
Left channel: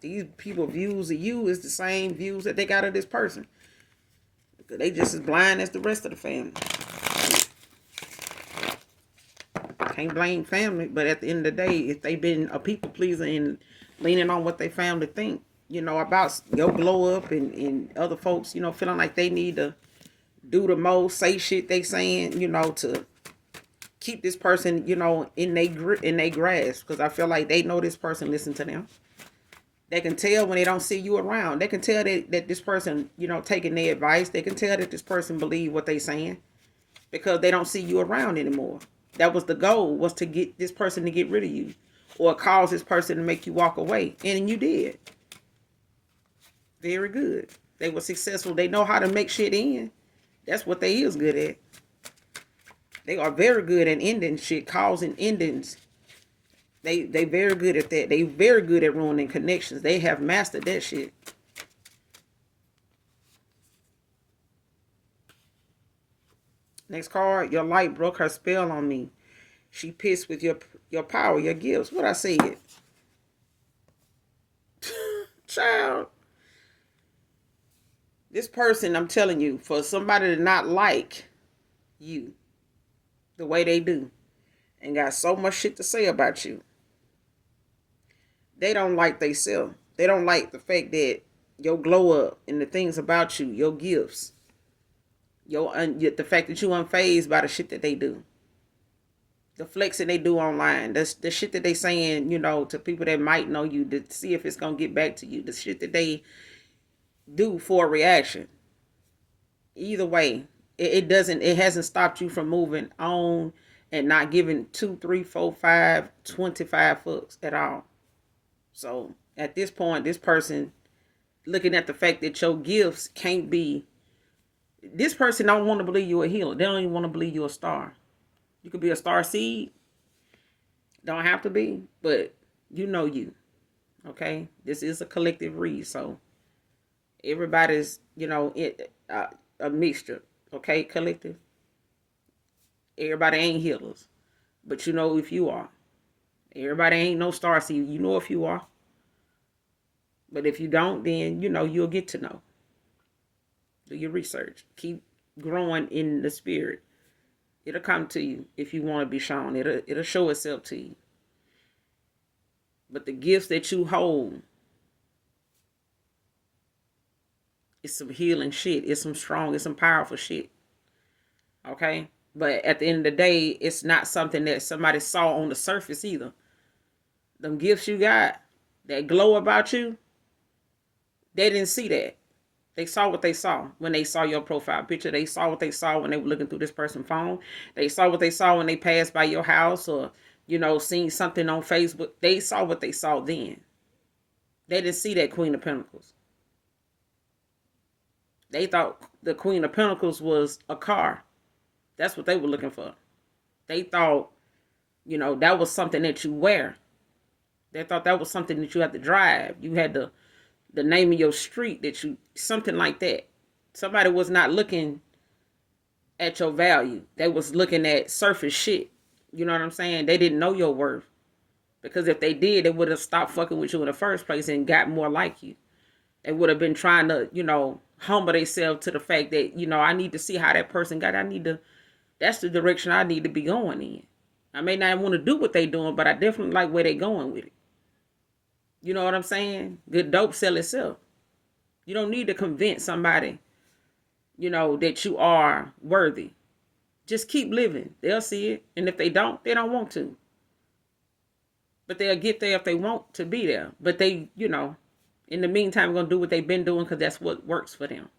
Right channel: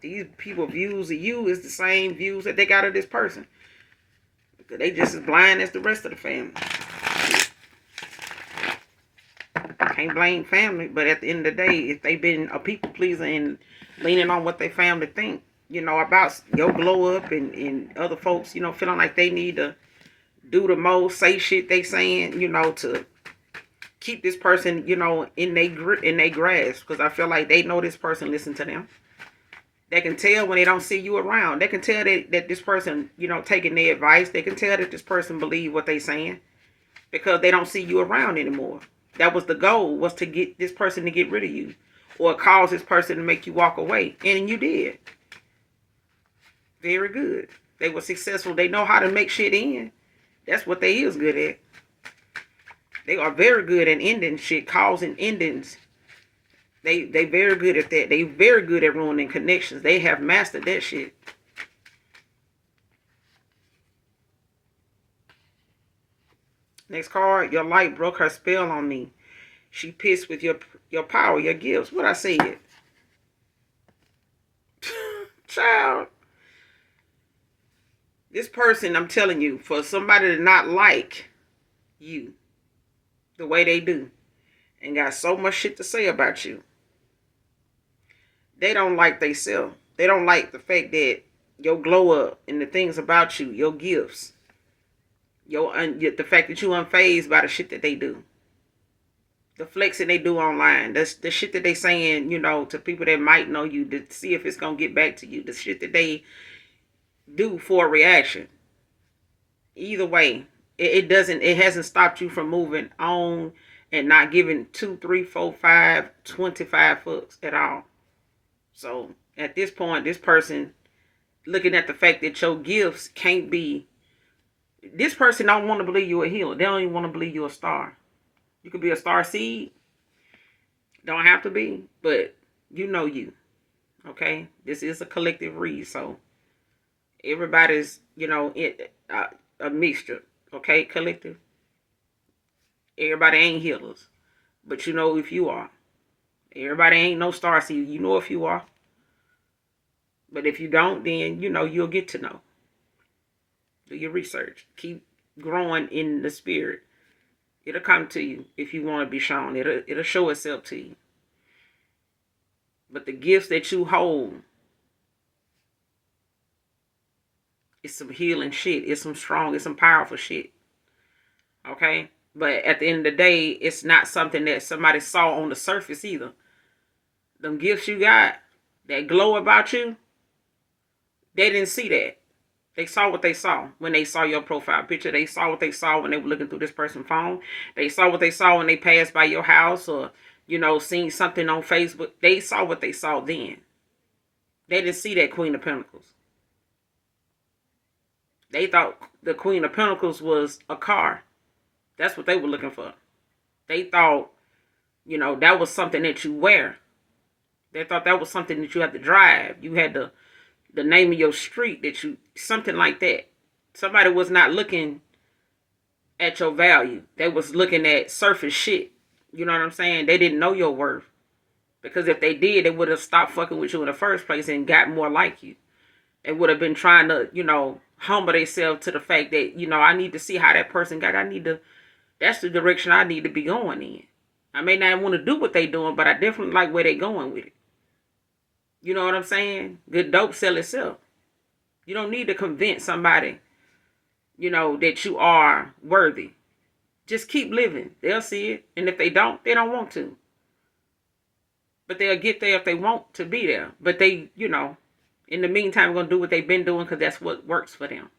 These people views of you is the same views that they got of this person. They just as blind as the rest of the family. Can't blame family, but at the end of the day, if they been a people pleaser and leaning on what they family think, about your glow up and other folks, feeling like they need to do the most, say shit they saying, to keep this person, in their grasp. Because I feel like they know this person listen to them. They can tell when they don't see you around. They can tell that this person, taking their advice. They can tell that this person believe what they saying because they don't see you around anymore. That was the goal, was to get this person to get rid of you or cause this person to make you walk away. And you did. Very good. They were successful. They know how to make shit in. That's what they is good at. They are very good at ending shit, causing endings They very good at that. They very good at ruining connections. They have mastered that shit. Next card, your light broke her spell on me. She pissed with your power, your gifts. What I said. Child. This person, I'm telling you, for somebody to not like you the way they do and got so much shit to say about you, they don't like themselves. They don't like the fact that your glow up and the things about you, your gifts, the fact that you unfazed by the shit that they do, the flexing they do online, the shit that they saying, to people that might know you to see if it's gonna get back to you, the shit that they do for a reaction. Either way, it hasn't stopped you from moving on and not giving 2, 3, 4, 5, 25 fucks at all. So at this point, this person looking at the fact that your gifts can't be, this person don't want to believe you're a healer. They don't even want to believe you're a star. You could be a star seed. Don't have to be, but you. Okay? This is a collective read, so everybody's, a mixture. Okay? Collective. Everybody ain't healers. But you know if you are. Everybody ain't no star seed. You know if you are. But if you don't, then, you'll get to know. Do your research. Keep growing in the spirit. It'll come to you if you want to be shown. It'll show itself to you. But the gifts that you hold, it's some healing shit. It's some strong, it's some powerful shit. Okay? But at the end of the day, it's not something that somebody saw on the surface either. Them gifts you got, that glow about you, they didn't see that. They saw what they saw when they saw your profile picture. They saw what they saw when they were looking through this person's phone. They saw what they saw when they passed by your house or, seen something on Facebook. They saw what they saw then. They didn't see that Queen of Pentacles. They thought the Queen of Pentacles was a car. That's what they were looking for. They thought, that was something that you wear. They thought that was something that you had to drive. You had the name of your street, something like that. Somebody was not looking at your value. They was looking at surface shit. You know what I'm saying? They didn't know your worth. Because if they did, they would have stopped fucking with you in the first place and got more like you. They would have been trying to, humble themselves to the fact that, I need to see how that person got. That's the direction I need to be going in. I may not want to do what they doing, but I definitely like where they going with it. You know what I'm saying? Good dope sell itself. You don't need to convince somebody, that you are worthy. Just keep living. They'll see it. And if they don't want to. But they'll get there if they want to be there. But they, in the meantime, going to do what they've been doing because that's what works for them.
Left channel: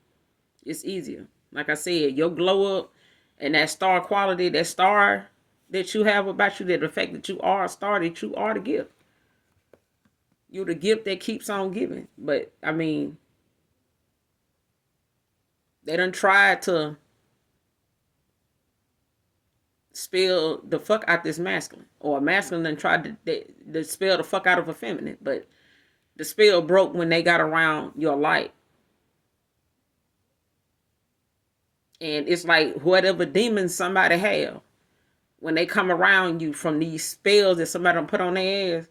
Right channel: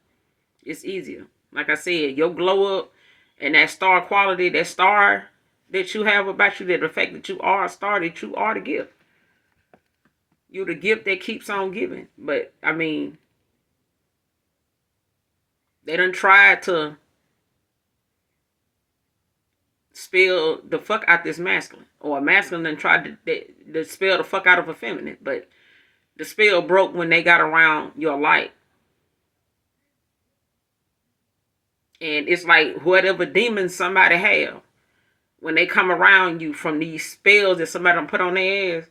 It's easier. Like I said, your glow up and that star quality, that star that you have about you, that the fact that you are a star, that you are the gift. You're the gift that keeps on giving. But, they done tried to spell the fuck out this masculine. Or a masculine done tried to spell the fuck out of a feminine. But the spell broke when they got around your light. And it's like whatever demons somebody have, when they come around you from these spells that somebody done put on their ass,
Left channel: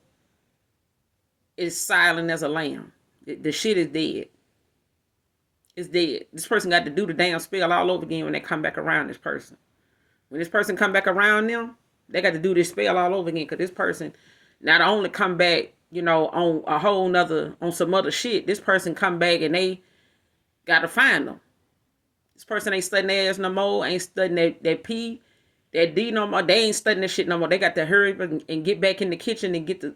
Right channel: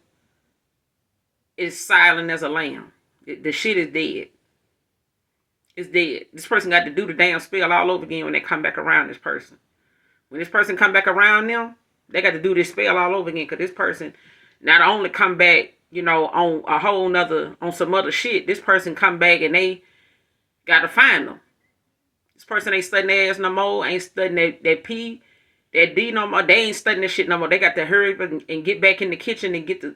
it's silent as a lamb. The shit is dead. It's dead. This person got to do the damn spell all over again when they come back around this person. When this person come back around them, they got to do this spell all over again because this person not only come back, on a whole nother, on some other shit, this person come back and they got to find them. This person ain't studying their ass no more, ain't studying that P, that D no more. They ain't studying that shit no more. They got to hurry up and get back in the kitchen and get the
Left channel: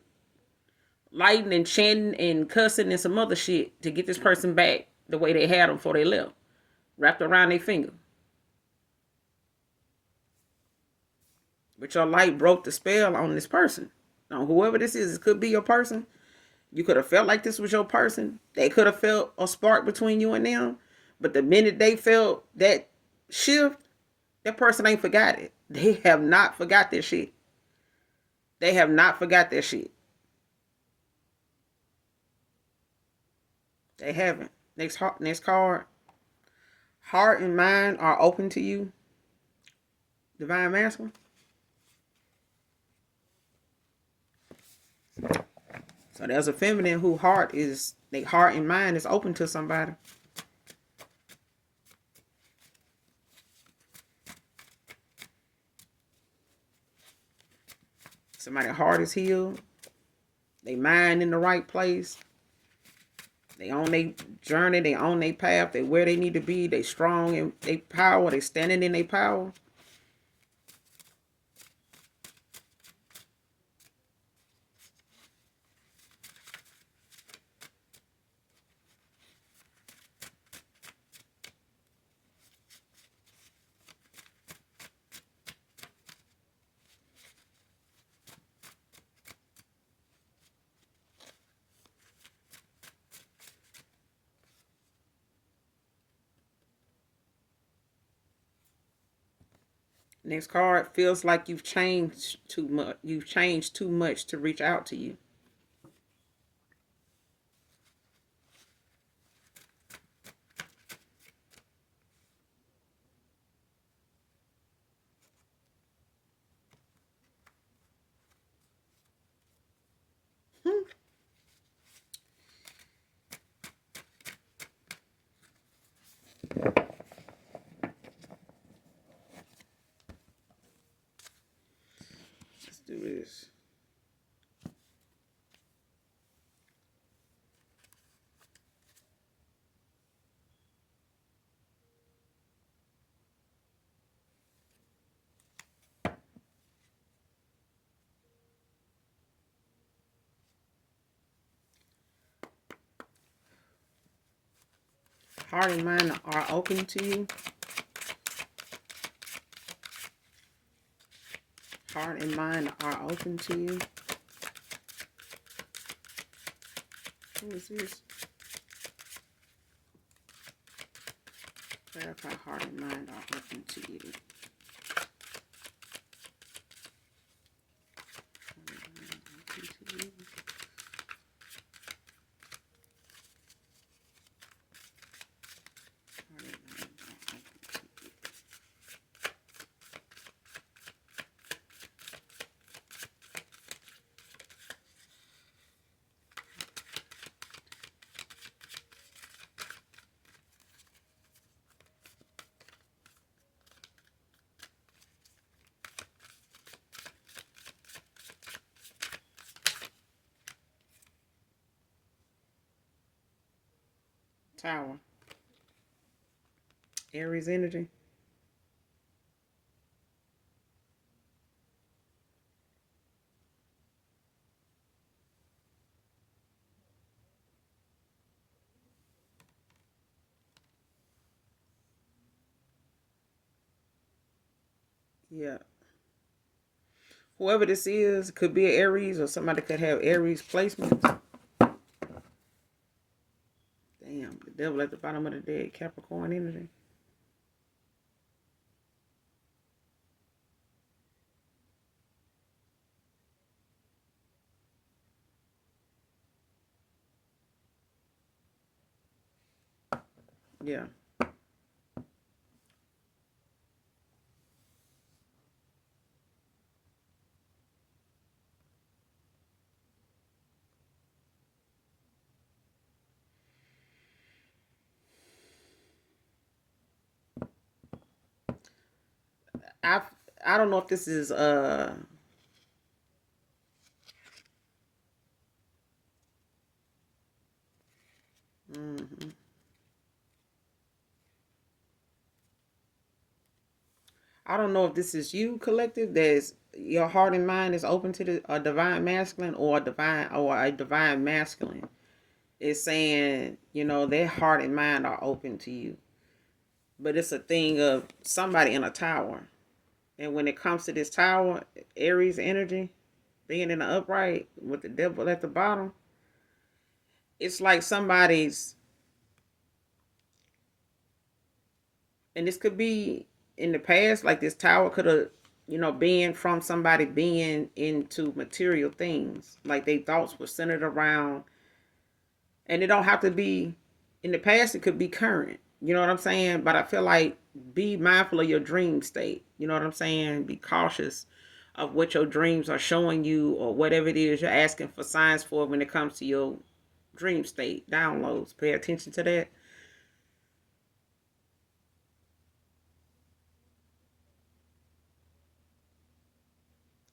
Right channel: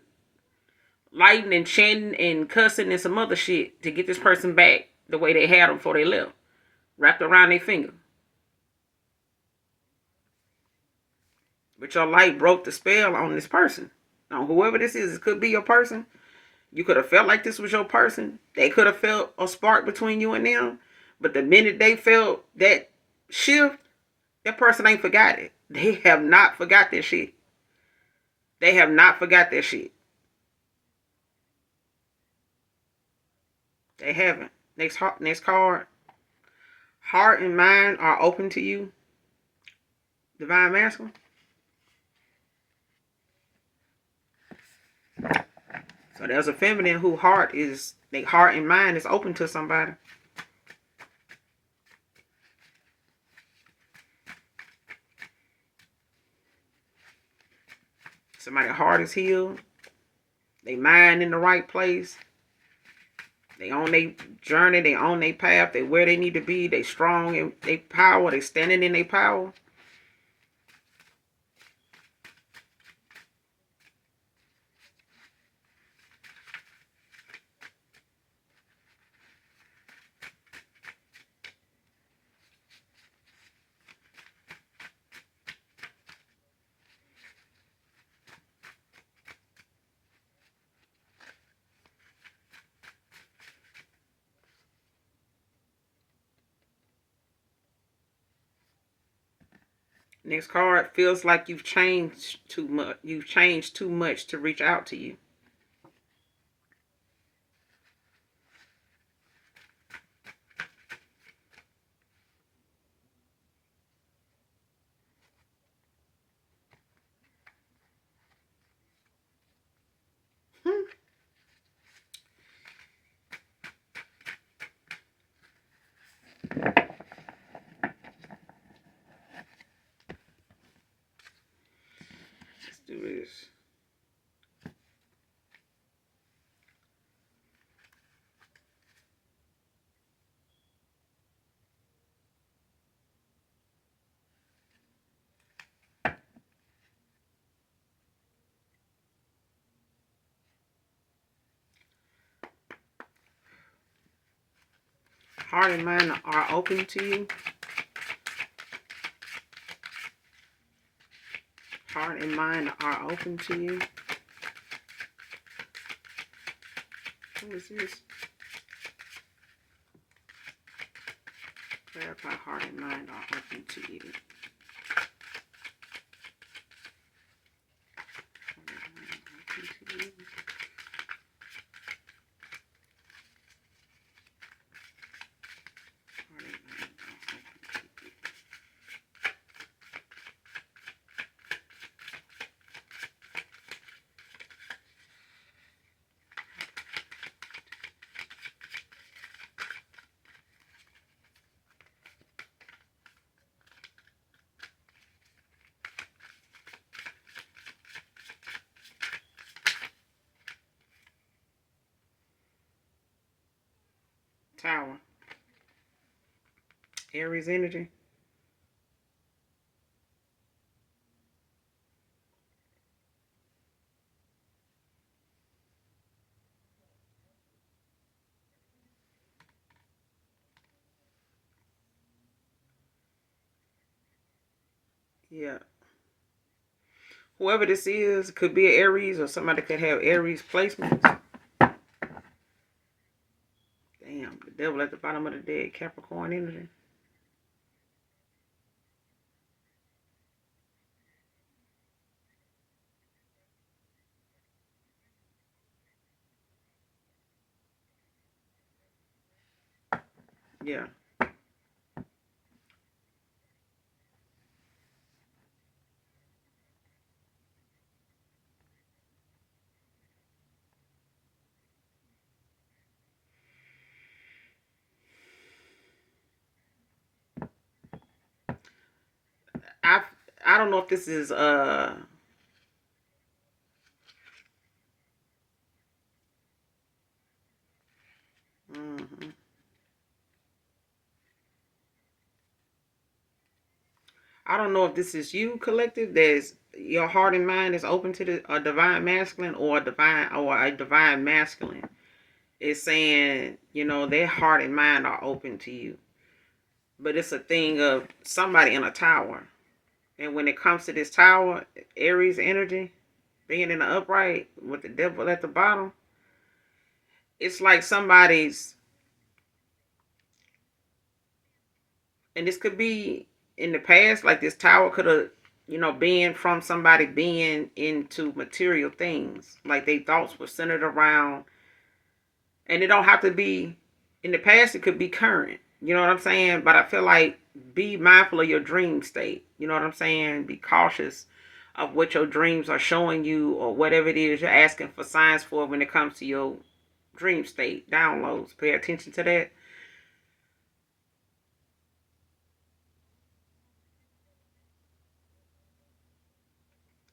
lighting and chanting and cussing and some other shit to get this person back the way they had them before they left. Wrapped around their finger. But your light broke the spell on this person. Now, whoever this is, it could be your person. You could have felt like this was your person. They could have felt a spark between you and them. But the minute they felt that shift, that person ain't forgot it. They have not forgot this shit. They have not forgot their shit. They haven't. Next card. Heart and mind are open to you. Divine masculine. So there's a feminine who their heart and mind is open to somebody. Somebody's heart is healed. They mind in the right place. They on their journey. They on their path. They where they need to be. They strong in their power. They standing in their power. Next card. Feels like you've changed too much. You've changed too much to reach out to you. Let's do this. Heart and mind are open to you. Heart and mind are open to you. What is this? Clarify heart and mind are open to you. Tower. Aries energy. Yeah. Whoever this is could be an Aries, or somebody could have Aries placement. Damn, the devil at the bottom of the dead. Capricorn energy. Yeah. I I don't know if this is mhm. I don't know if this is you, collective. There's your heart and mind is open to a divine masculine, or a divine masculine. It's saying, their heart and mind are open to you. But it's a thing of somebody in a tower. And when it comes to this tower, Aries energy, being in the upright with the devil at the bottom, it's like somebody's, and this could be in the past, like this tower could have you know, being from somebody being into material things. Like their thoughts were centered around, and it don't have to be in the past, it could be current. You know what I'm saying? But I feel like be mindful of your dream state. You know what I'm saying? Be cautious of what your dreams are showing you or whatever it is you're asking for signs for when it comes to your dream state downloads. Pay attention to that.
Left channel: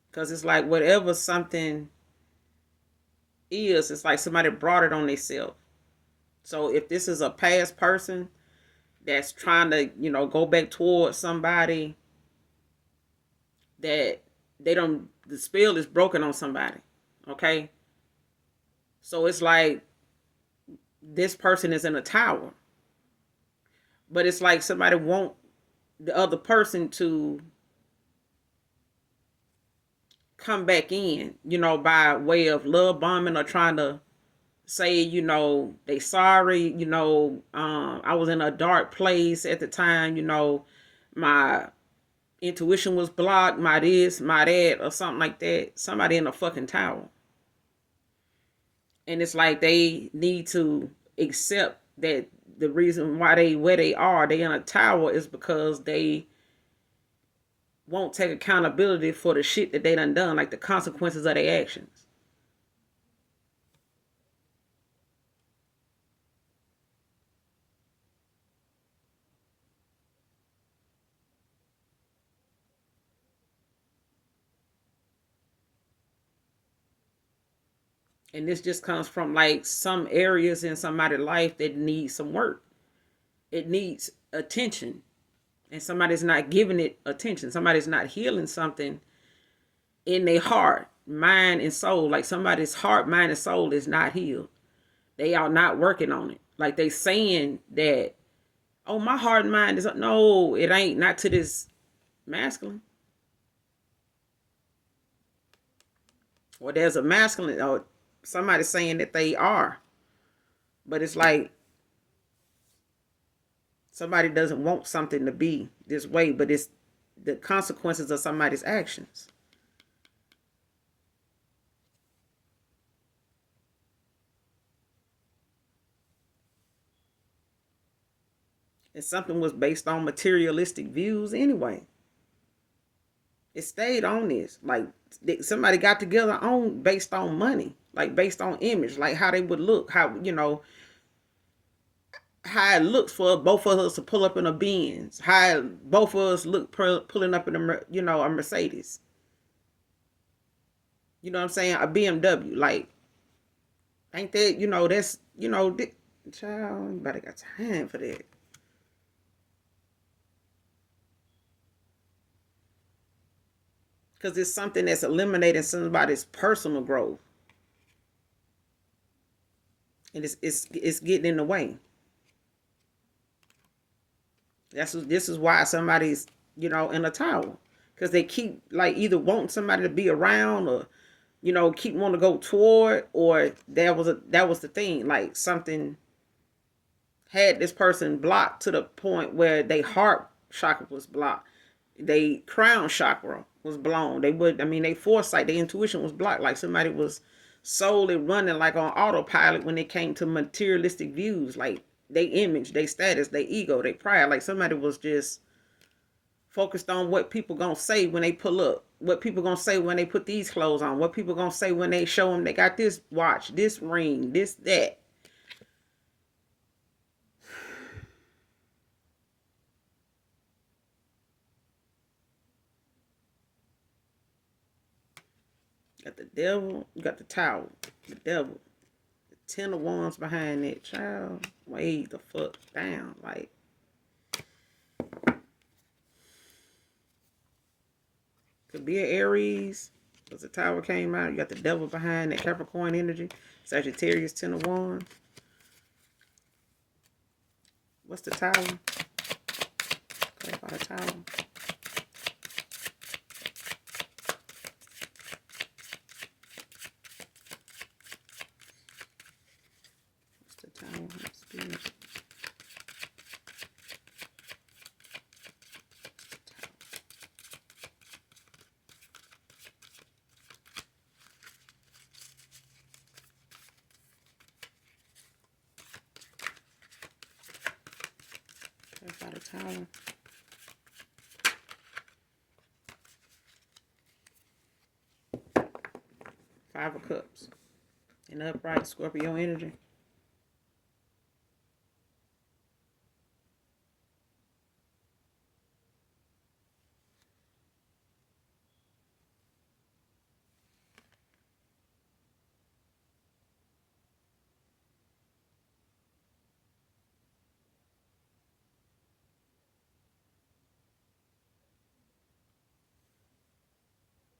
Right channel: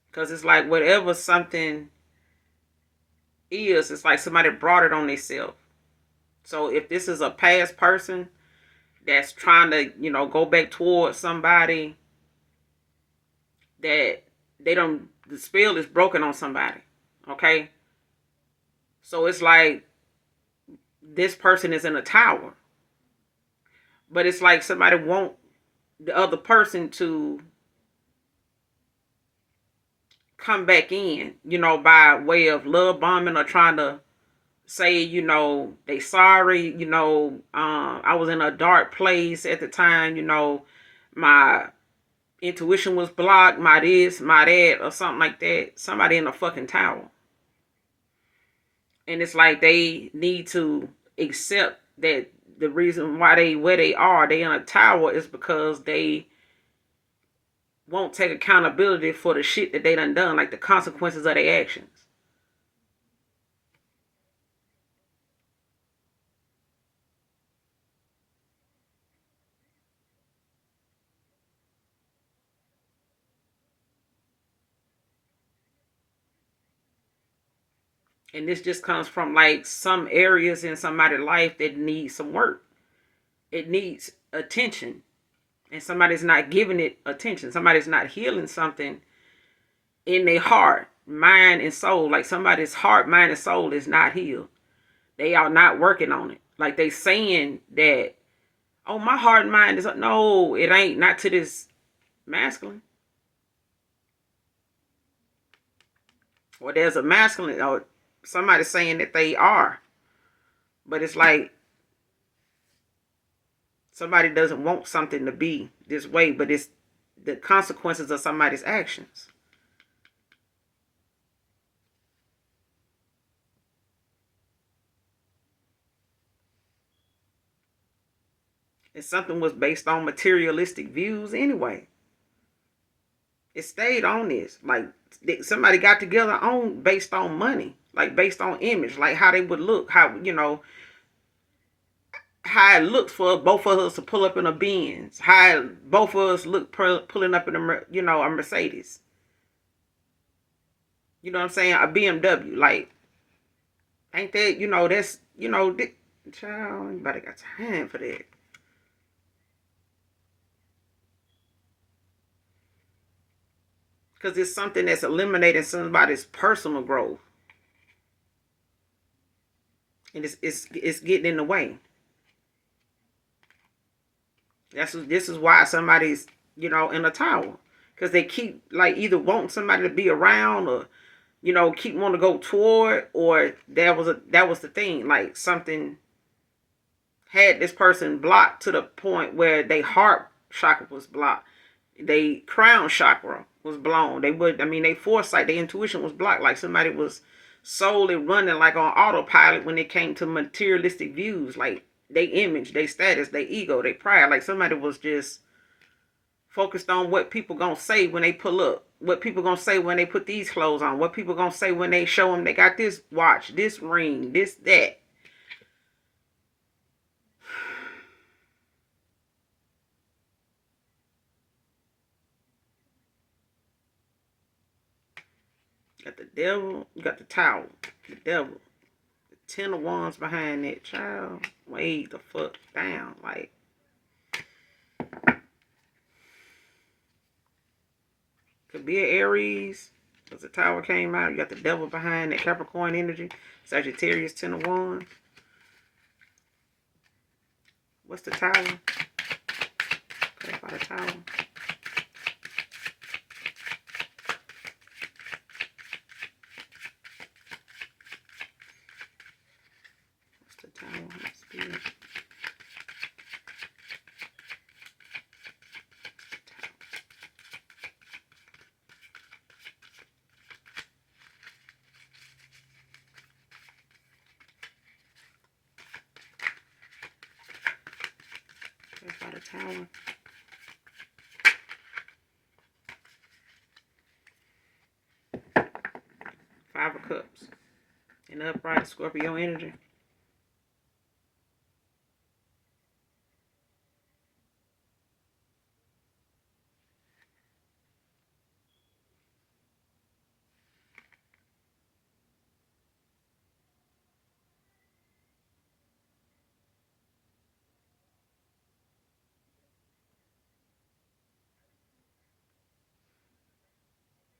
Because it's like whatever something is, it's like somebody brought it on themselves. So if this is a past person that's trying to, you know, go back towards somebody that they don't, the spell is broken on somebody. Okay. So it's like this person is in a tower, but it's like somebody want the other person to come back in, you know, by way of love bombing or trying to say, you know, they sorry, you know, I was in a dark place at the time, you know, my intuition was blocked, my this, my that, or something like that. Somebody in a fucking tower. And it's like they need to accept that the reason why they where they in a tower is because they won't take accountability for the shit that they done, like the consequences of their actions. And this just comes from like some areas in somebody's life that need some work. It needs attention. And somebody's not giving it attention. Somebody's not healing something in their heart, mind, and soul. Like somebody's heart, mind, and soul is not healed. They are not working on it. Like they saying that, oh, my heart and mind is, no, it ain't, not to this masculine. Or there's a masculine, or somebody saying that they are. But it's like somebody doesn't want something to be this way, but it's the consequences of somebody's actions. And something was based on materialistic views anyway. It stayed on this. Like somebody got together on based on money, like based on image, like how they would look, how, you know, how it looks for both of us to pull up in a Benz, how both of us look pulling up in a, you know, a Mercedes. You know what I'm saying? A BMW. Like, ain't that, you know, that's, you know, child, anybody got time for that? Because it's something that's eliminating somebody's personal growth, and it's getting in the way. This is why somebody's, you know, in a tower, because they keep like either wanting somebody to be around, or, you know, keep wanting to go toward, or that was the thing, like something had this person blocked to the point where they heart chakra was blocked, they crown chakra was blown, they would, I mean, they foresight, their intuition was blocked, like somebody was solely running like on autopilot when it came to materialistic views, like they image, they status, they ego, they pride, like somebody was just focused on what people gonna say when they pull up, what people gonna say when they put these clothes on, what people gonna say when they show them they got this watch, this ring, this, that. Got the devil, you got the tower, the devil, the 10 of Wands behind that, child. Way the fuck down. Like, could be an Aries, because the tower came out. You got the devil behind that, Capricorn energy. Sagittarius, 10 of Wands. What's the tower? Clarify the tower. What's the tower? Tower. Five of Cups. And upright Scorpio energy.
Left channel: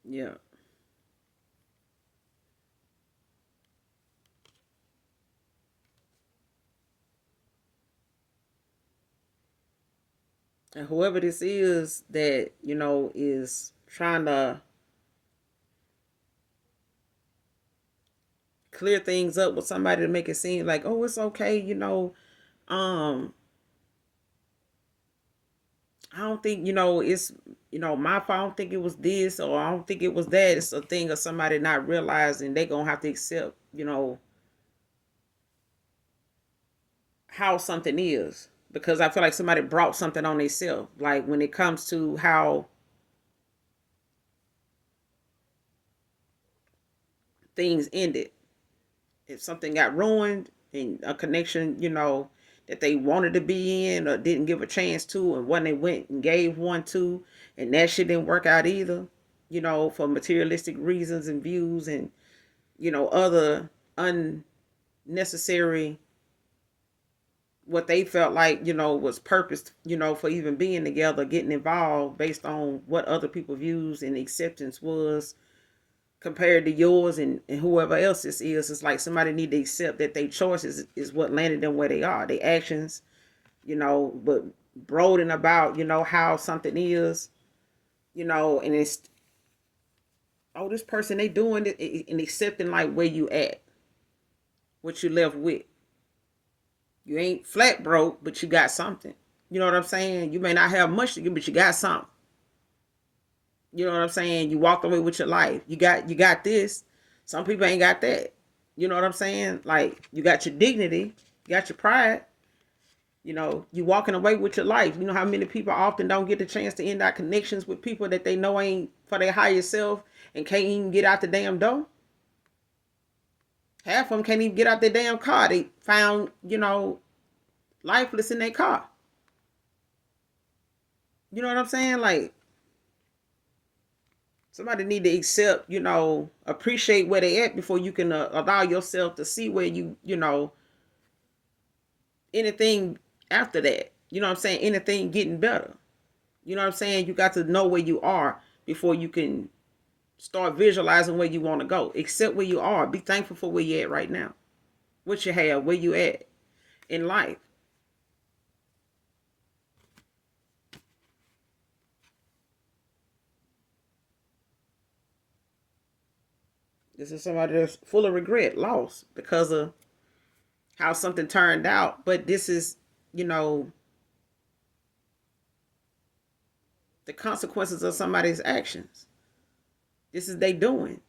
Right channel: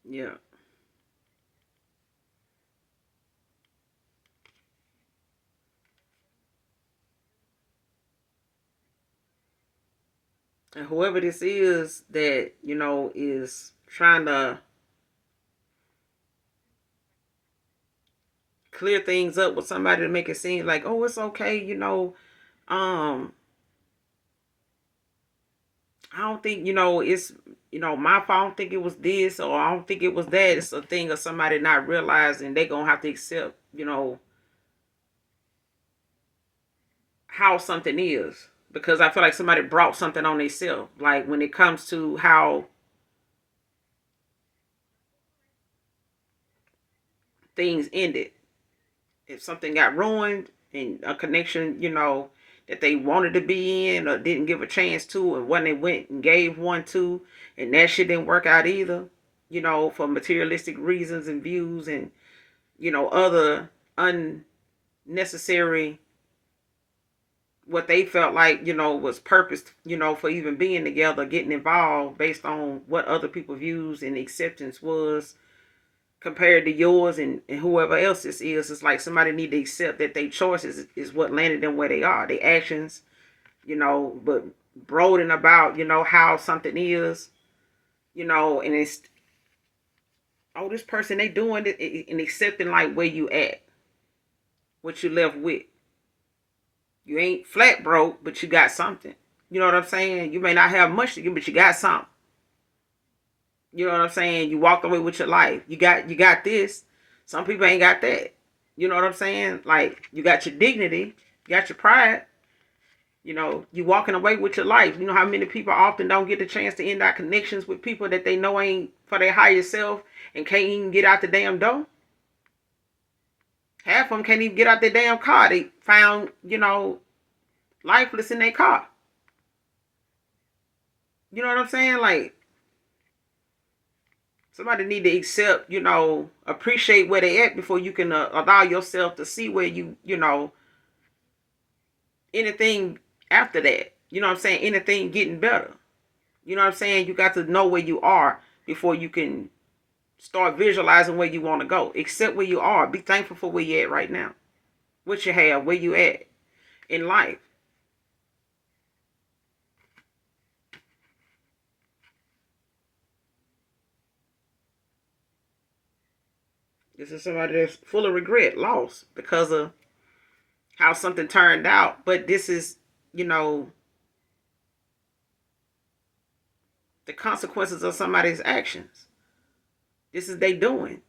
Yeah. And whoever this is that, is trying to clear things up with somebody to make it seem like, oh, it's okay, I don't think, it's, my fault. I don't think it was this, or I don't think it was that. It's a thing of somebody not realizing they going to have to accept, how something is. Because I feel like somebody brought something on themselves. Like when it comes to how things ended. If something got ruined and a connection, that they wanted to be in or didn't give a chance to, and when they went and gave one to, and that shit didn't work out either, for materialistic reasons and views and, other unnecessary, what they felt like, was purpose, for even being together, getting involved based on what other people's views and acceptance was compared to yours and whoever else this is. It's like somebody need to accept that their choices is what landed them where they are. Their actions, but brooding about, how something is, and it's, oh, this person, they doing it, and accepting like where you at, what you left with. You ain't flat broke, but you got something. You know what I'm saying? You may not have much to give, but you got something. You know what I'm saying? You walked away with your life. You got this. Some people ain't got that. You know what I'm saying? Like, you got your dignity, you got your pride. You walking away with your life. You know how many people often don't get the chance to end our connections with people that they know ain't for their higher self and can't even get out the damn door? Half of them can't even get out their damn car. They found, lifeless in their car. You know what I'm saying? Like, somebody need to accept, appreciate where they at before you can allow yourself to see where anything after that. You know what I'm saying? Anything getting better. You know what I'm saying? You got to know where you are before you can start visualizing where you want to go. Accept where you are. Be thankful for where you're at right now. What you have, where you at in life. This is somebody that's full of regret, loss because of how something turned out. But this is, the consequences of somebody's actions. This is they doing.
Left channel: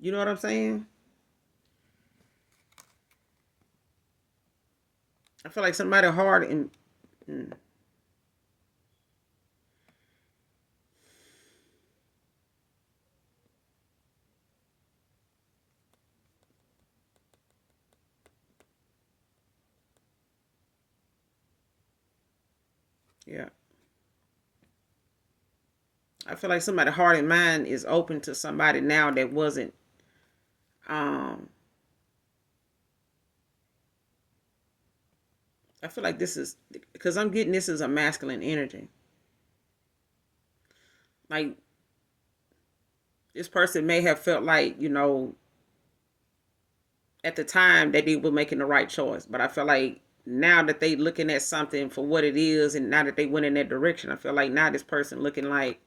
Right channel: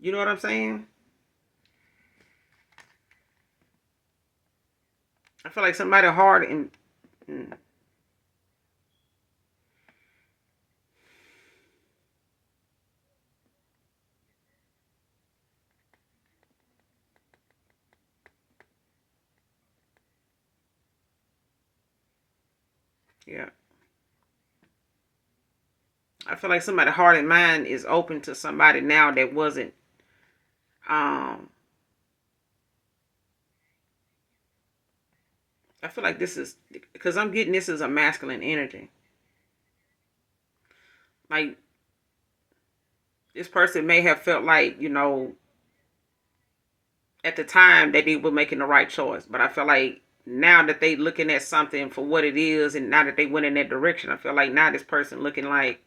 You know what I'm saying? I feel like somebody hard and yeah. I feel like somebody heart and mind is open to somebody now that wasn't. I feel like this is because I'm getting this as a masculine energy. Like, this person may have felt like, at the time that they were making the right choice, but I feel like now that they looking at something for what it is, and now that they went in that direction, I feel like now this person looking like,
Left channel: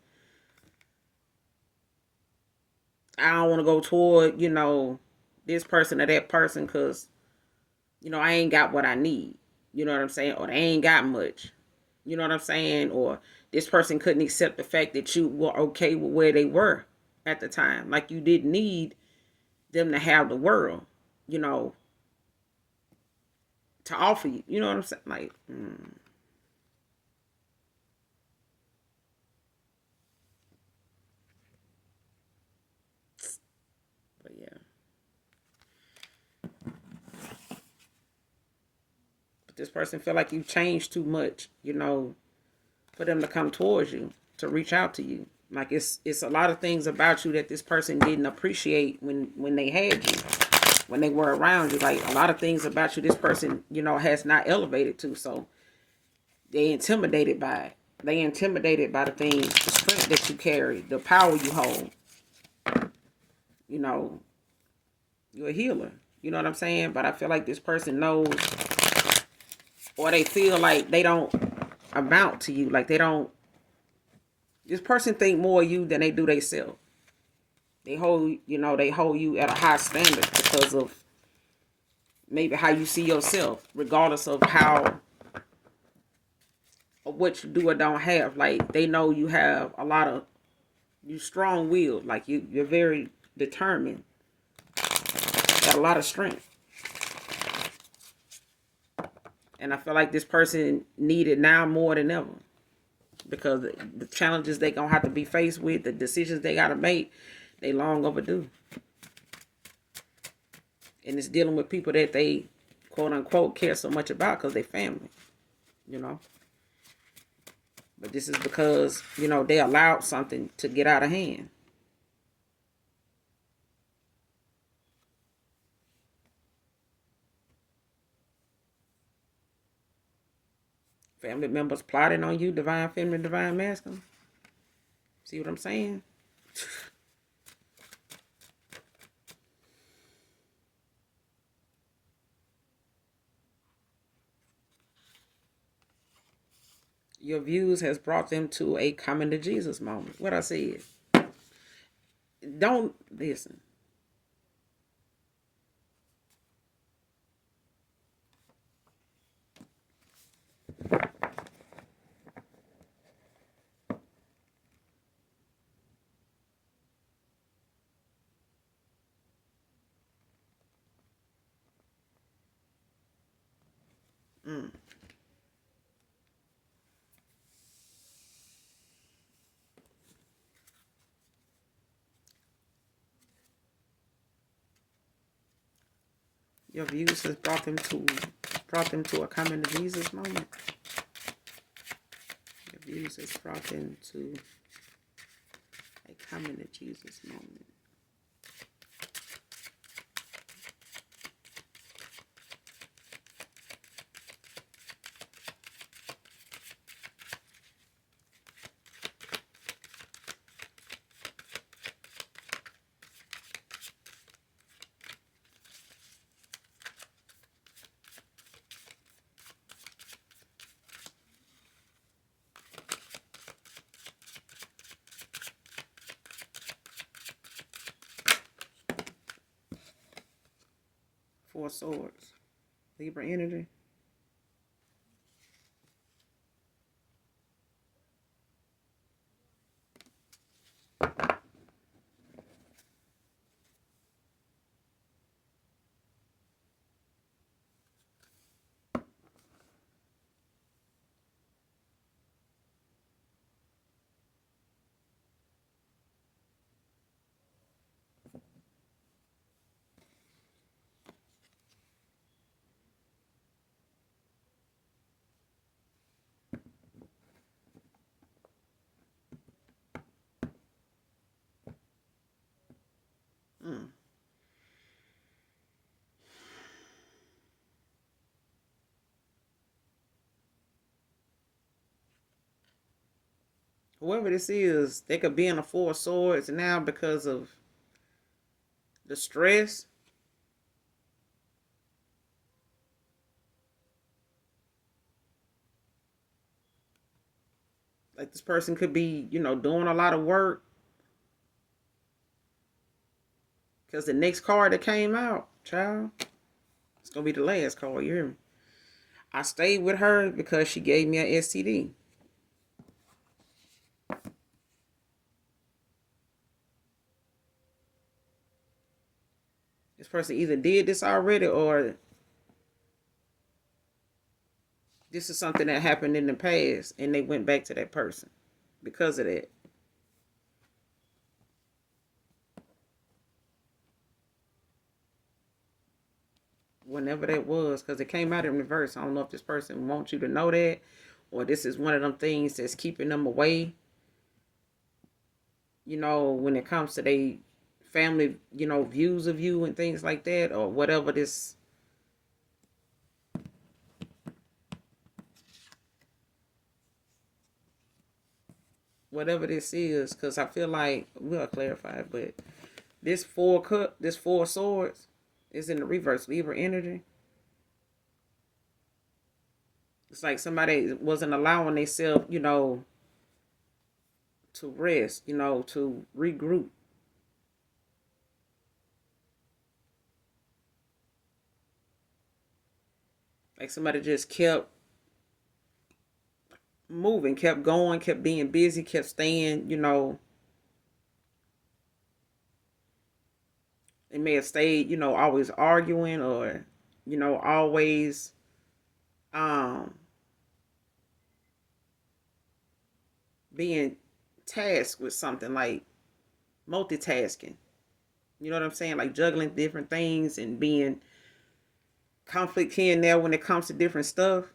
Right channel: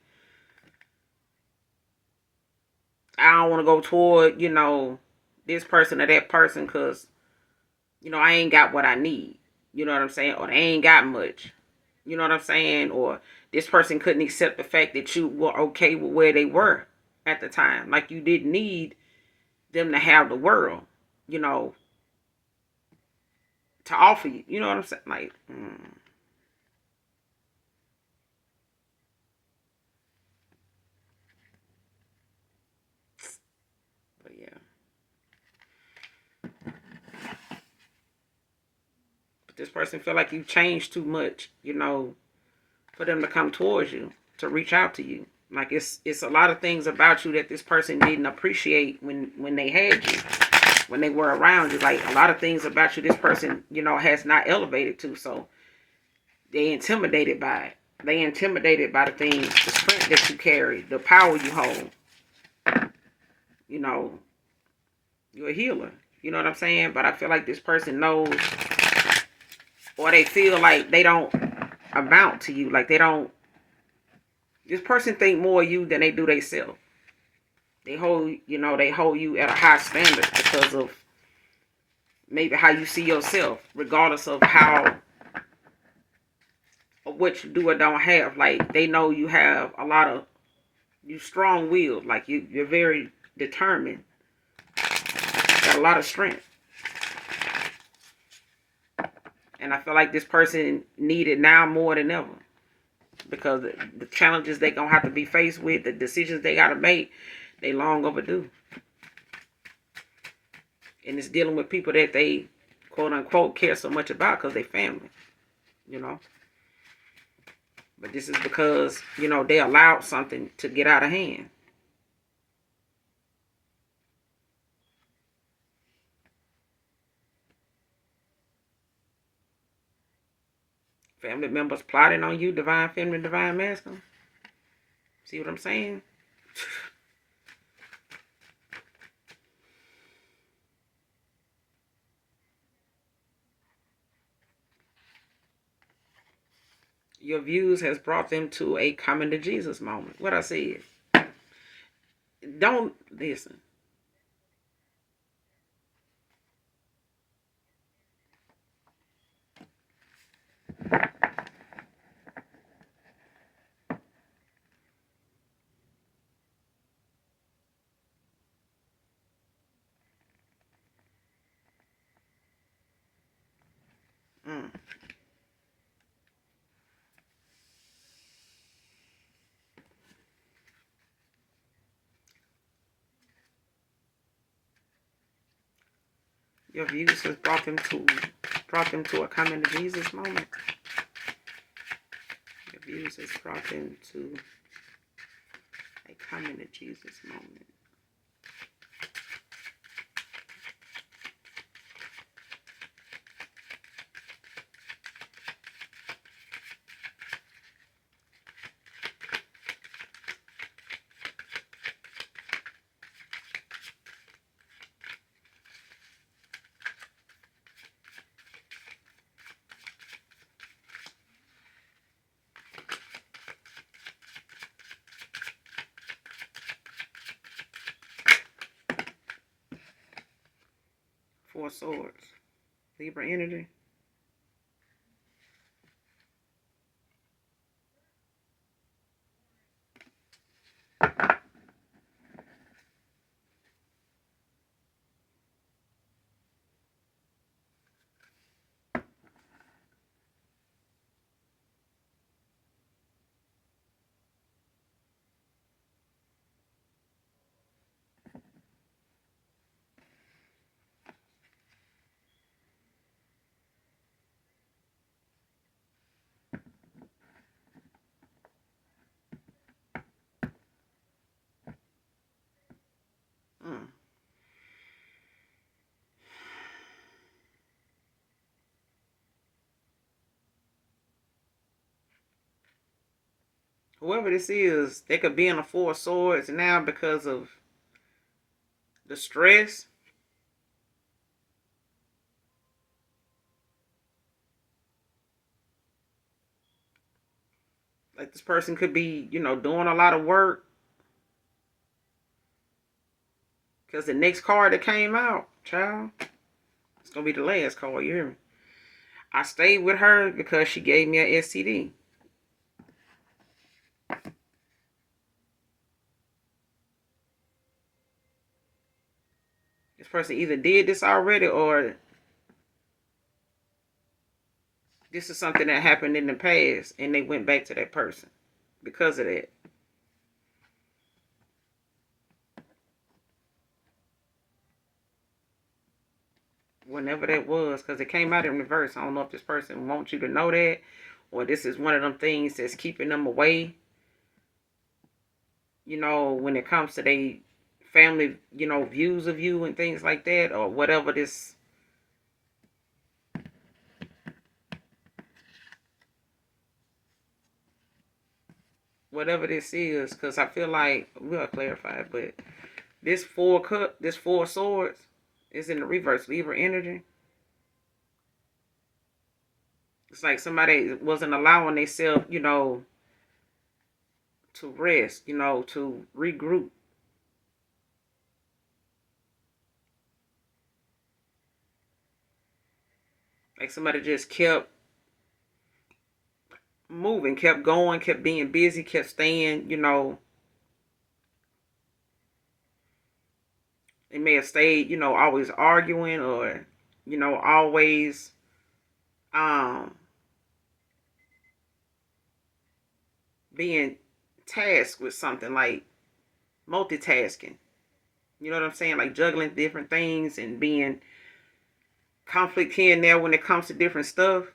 I don't want to go toward, this person or that person because, I ain't got what I need. You know what I'm saying? Or they ain't got much. You know what I'm saying? Or this person couldn't accept the fact that you were okay with where they were at the time. Like, you didn't need them to have the world, you know, to offer you. You know what I'm saying? Like, This person feel like you've changed too much, you know, for them to come towards you, to reach out to you. Like it's a lot of things about you that this person didn't appreciate when they had you, when they were around you. Like a lot of things about you this person, you know, has not elevated to. So they intimidated by it. They intimidated by the things, the strength that you carry, the power you hold. You know, you're a healer. You know what I'm saying? But I feel like this person knows, or they feel like they don't amount to you. Like they don't, this person think more of you than they do themselves. They hold, you know, they hold you at a high standard because of maybe how you see yourself, regardless of how or what you do or don't have. Like they know you have a lot of, you strong-willed. Like you're very determined. Got a lot of strength. And I feel like this person needed now more than ever. Because the challenges they're going to have to be faced with, the decisions they got to make, they long overdue. And it's dealing with people that they, quote unquote, care so much about because they family. You know. But this is because, you know, they allowed something to get out of hand. Family members plotting on you, divine feminine, divine masculine. See what I'm saying? Your views has brought them to a coming to Jesus moment. What I said. Don't listen. Mm. Your views has brought them to a coming to Jesus moment. Your views has brought them to a coming to Jesus moment. Four Swords. Libra energy. Mm. Whoever this is, they could be in a Four Swords now because of the stress. Like this person could be, you know, doing a lot of work. Because the next card that came out, child, it's going to be the last card, you hear me? I stayed with her because she gave me an STD. This person either did this already or this is something that happened in the past and they went back to that person because of that. whenever that was, because it came out in reverse. I don't know if this person wants you to know that, or this is one of them things that's keeping them away, when it comes to their family, views of you and things like that, or whatever this is, because I feel like we'll clarify it, but this four of swords is in the reverse Libra energy. It's like somebody wasn't allowing themselves, to rest, to regroup. Like somebody just kept moving, kept going, kept being busy, kept staying, they may have stayed, always arguing, or, always um being tasked with something, like multitasking. You know what I'm saying? Like juggling different things and being conflict here and there when it comes to different stuff.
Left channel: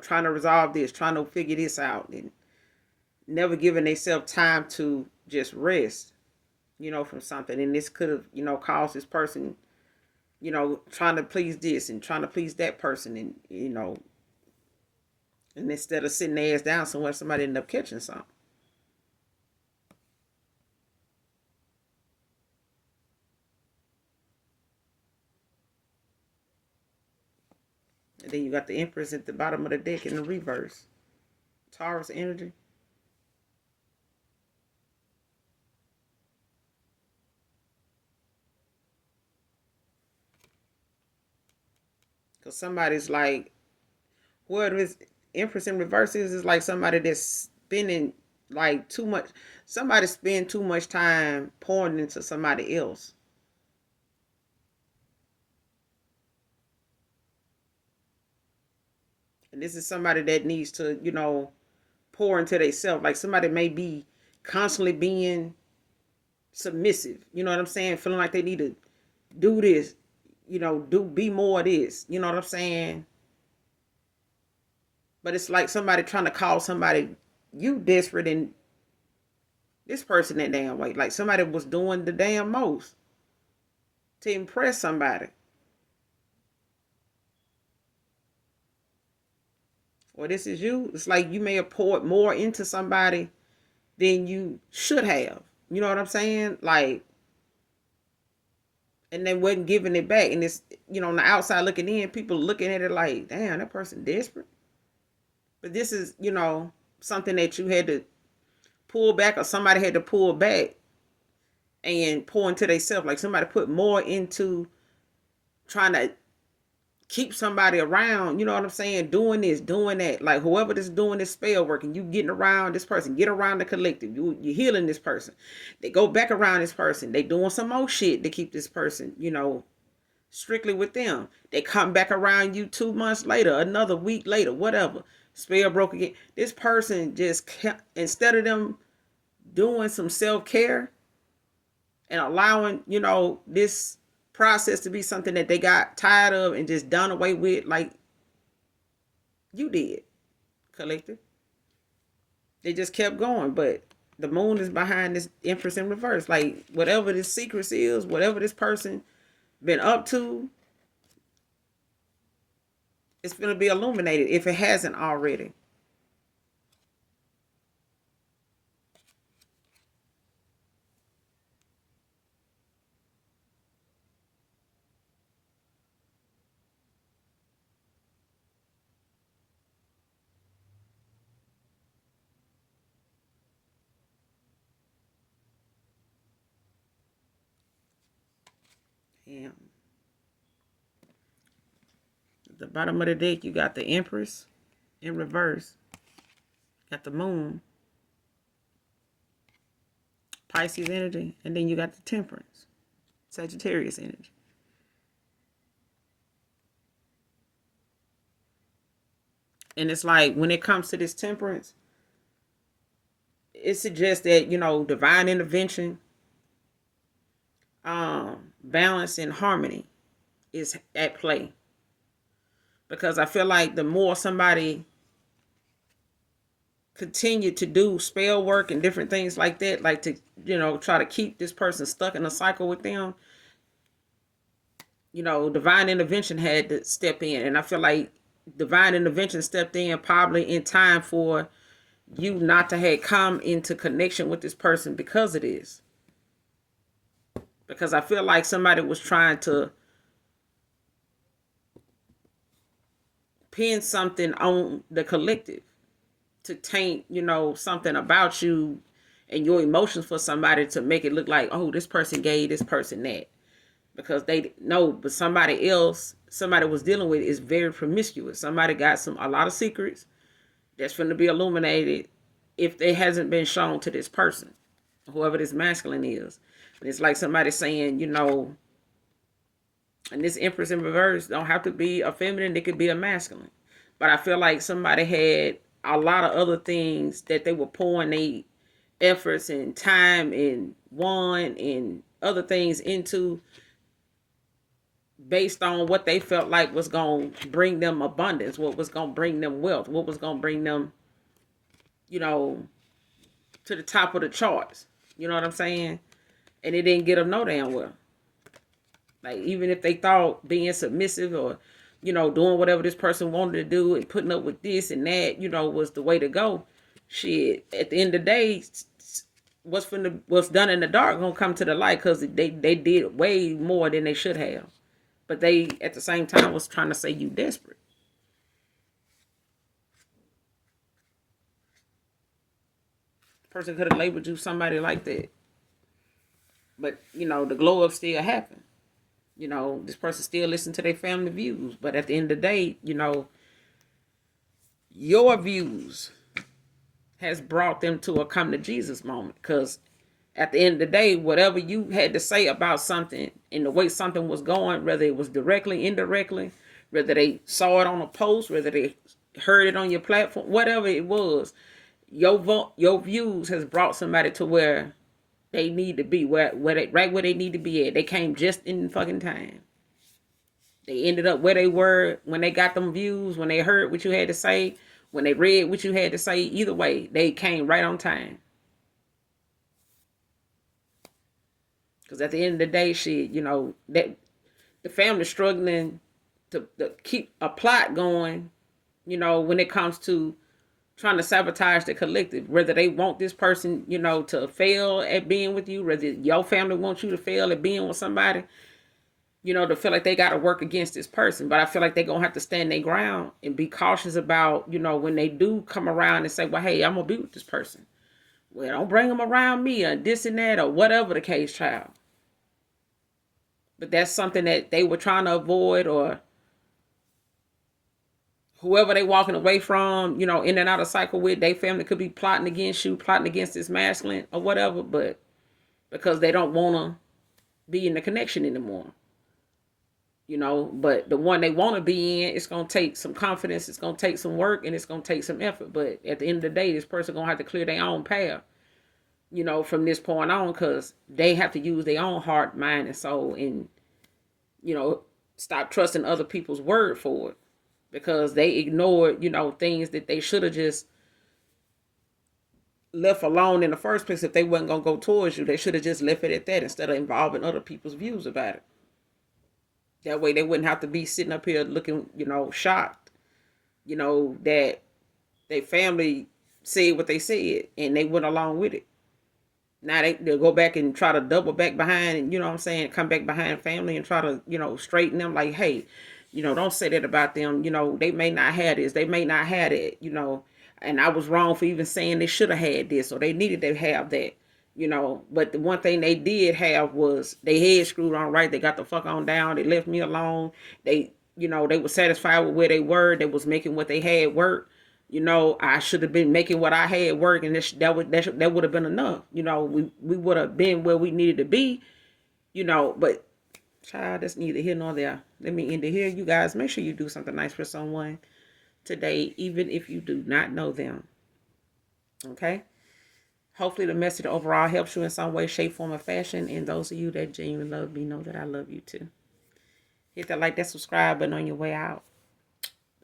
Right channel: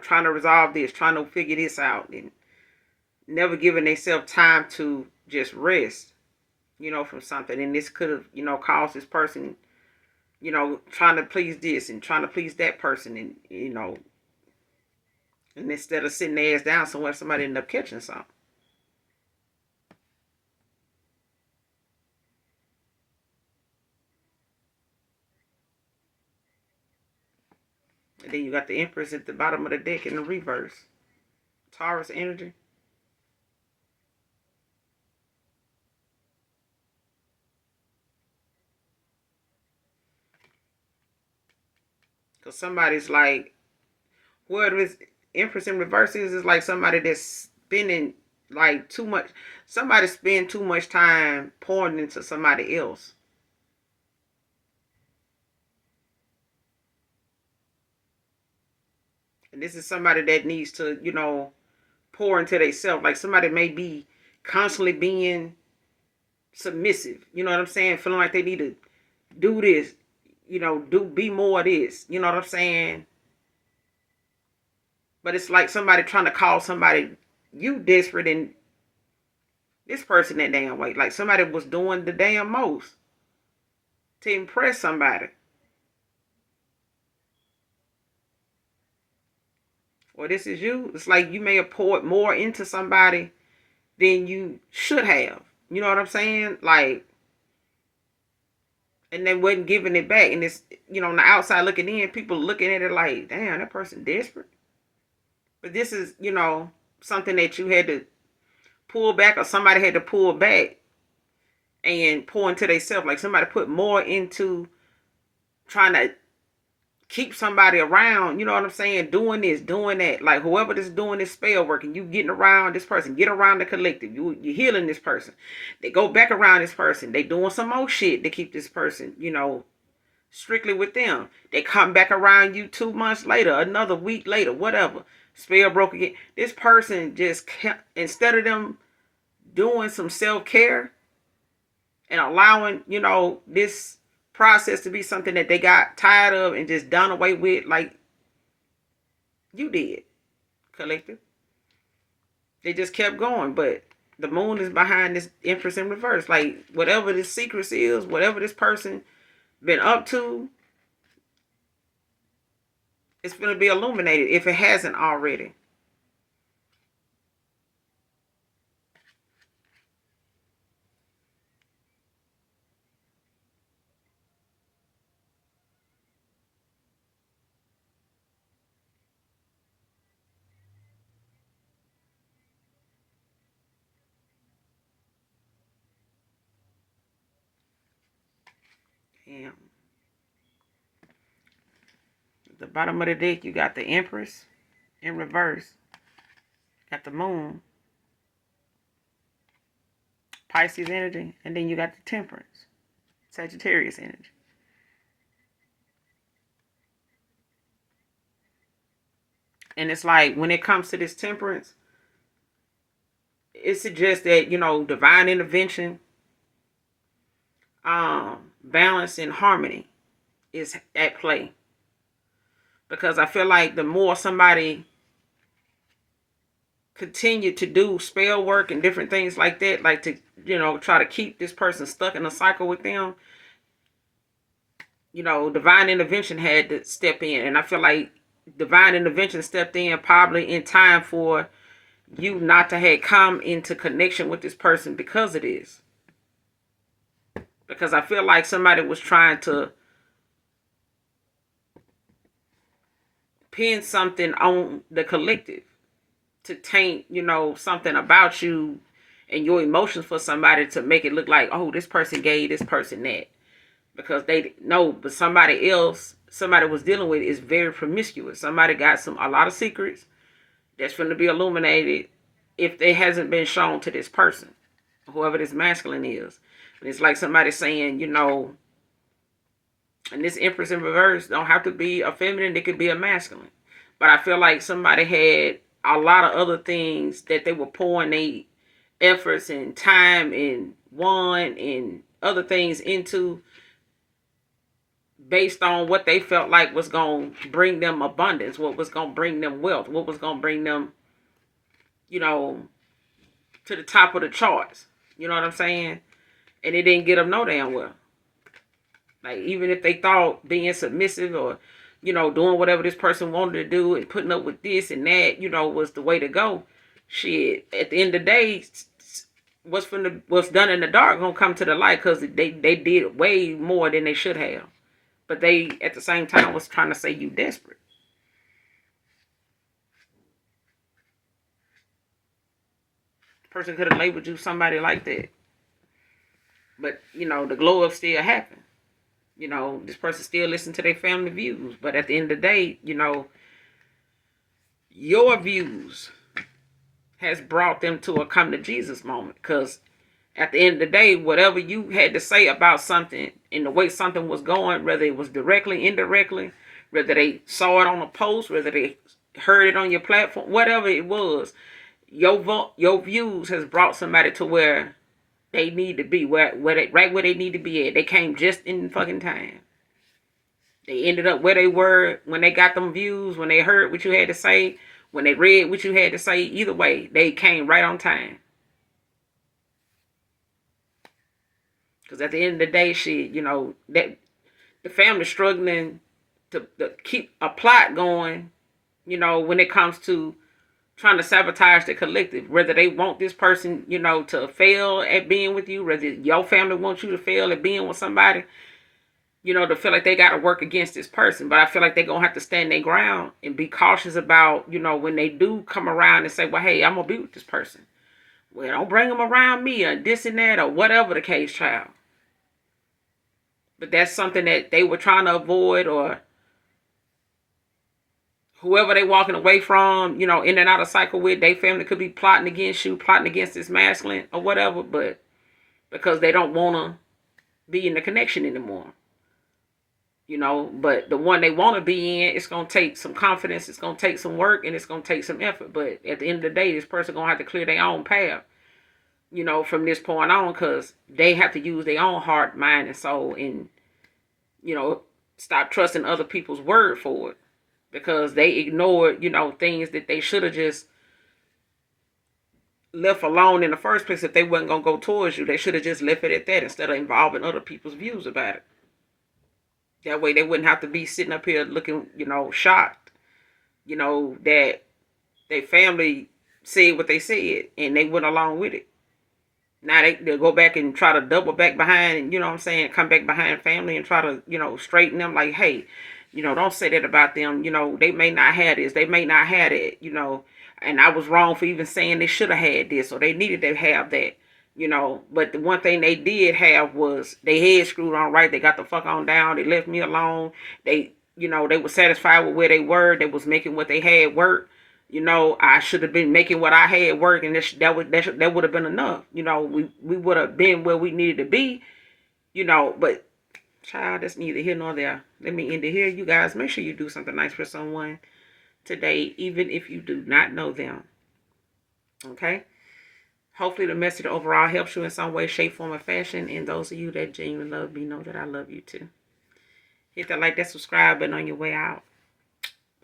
Trying to resolve this, trying to figure this out, and never giving themselves time to just rest, from something. And this could have, caused this person, trying to please this and trying to please that person, and and instead of sitting their ass down somewhere, somebody ended up catching something. And then you got the Empress at the bottom of the deck in the reverse. Taurus energy. Because somebody's like, whoever this Empress in reverse is like somebody that's spending like too much. Somebody spend too much time pouring into somebody else. And this is somebody that needs to, pour into themselves. Like somebody may be constantly being submissive. You know what I'm saying? Feeling like they need to do this, be more of this. You know what I'm saying? But it's like somebody trying to call somebody you desperate, and this person that damn way. Like somebody was doing the damn most to impress somebody. Or this is you. It's like you may have poured more into somebody than you should have. You know what I'm saying? Like, and they wasn't giving it back. And it's, on the outside looking in, people looking at it like, damn, that person desperate. But this is, something that you had to pull back, or somebody had to pull back and pour into themselves. Like somebody put more into trying to keep somebody around, you know what I'm saying? Doing this, doing that. Like whoever that's doing this spell work, and you getting around this person, get around the collective. You're healing this person. They go back around this person. They doing some more shit to keep this person, strictly with them. They come back around you 2 months later, another week later, whatever. Spell broke again. This person just kept, instead of them doing some self-care and allowing, this process to be something that they got tired of and just done away with, like you did, collective. They just kept going. But the moon is behind this Empress in reverse. Like whatever this secret is, whatever this person been up to, it's going to be illuminated if it hasn't already. Yeah. At the bottom of the deck, you got the Empress in reverse. Got the moon, Pisces energy, and then you got the Temperance, Sagittarius energy. And it's like when it comes to this Temperance, it suggests that, divine intervention, balance and harmony is at play. Because I feel like the more somebody continue to do spell work and different things like that, like to, try to keep this person stuck in a cycle with them, divine intervention had to step in. And I feel like divine intervention stepped in probably in time for you not to have come into connection with this person because of this. Because I feel like somebody was trying to pin something on the collective to taint, something about you and your emotions for somebody to make it look like, oh, this person gave this person that. Because they know, but somebody else, somebody was dealing with is very promiscuous. Somebody got a lot of secrets that's going to be illuminated if it hasn't been shown to this person, whoever this masculine is. And it's like somebody saying, and this Empress in reverse don't have to be a feminine, it could be a masculine. But I feel like somebody had a lot of other things that they were pouring their efforts and time and want and other things into, based on what they felt like was going to bring them abundance, what was going to bring them wealth, what was going to bring them, to the top of the charts. You know what I'm saying? And it didn't get them no damn well. Like, even if they thought being submissive or, doing whatever this person wanted to do and putting up with this and that, was the way to go. Shit, at the end of the day, what's done in the dark gonna come to the light, because they did way more than they should have. But they, at the same time, was trying to say you desperate. Person could have labeled you somebody like that. But, the glow up still happened. This person still listen to their family views. But at the end of the day, your views has brought them to a come to Jesus moment. Because at the end of the day, whatever you had to say about something and the way something was going, whether it was directly, indirectly, whether they saw it on a post, whether they heard it on your platform, whatever it was, your views has brought somebody to where they need to be, right where they need to be at. They came just in fucking time. They ended up where they were when they got them views, when they heard what you had to say, when they read what you had to say. Either way, they came right on time. Because at the end of the day, shit, that the family's struggling to keep a plot going, when it comes to trying to sabotage the collective. Whether they want this person, to fail at being with you, whether your family wants you to fail at being with somebody, to feel like they got to work against this person. But I feel like they're going to have to stand their ground and be cautious about, when they do come around and say, well, hey, I'm going to be with this person. Well, don't bring them around me or this and that or whatever the case, child. But that's something that they were trying to avoid, or whoever they walking away from, in and out of cycle with, their family could be plotting against you, plotting against this masculine or whatever, but because they don't want to be in the connection anymore. But the one they want to be in, it's going to take some confidence, it's going to take some work, and it's going to take some effort. But at the end of the day, this person going to have to clear their own path, from this point on, because they have to use their own heart, mind, and soul, and, stop trusting other people's word for it. Because they ignored, things that they should have just left alone in the first place. If they wasn't going to go towards you, they should have just left it at that instead of involving other people's views about it. That way they wouldn't have to be sitting up here looking, shocked, that their family said what they said and they went along with it. Now they'll go back and try to double back behind, and, come back behind family and try to, straighten them like, hey, don't say that about them. They may not have this. They may not have it, and I was wrong for even saying they should have had this or they needed to have that, But the one thing they did have was they head screwed on right. They got the fuck on down. They left me alone. They, they were satisfied with where they were. They was making what they had work. I should have been making what I had work, and that would have been enough. We would have been where we needed to be, but child, that's neither here nor there. Let me end it here. You guys, make sure you do something nice for someone today, even if you do not know them. Okay? Hopefully the message overall helps you in some way, shape, form, or fashion. And those of you that genuinely love me know that I love you too. Hit that like, that subscribe button on your way out.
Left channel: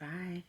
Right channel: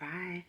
Bye.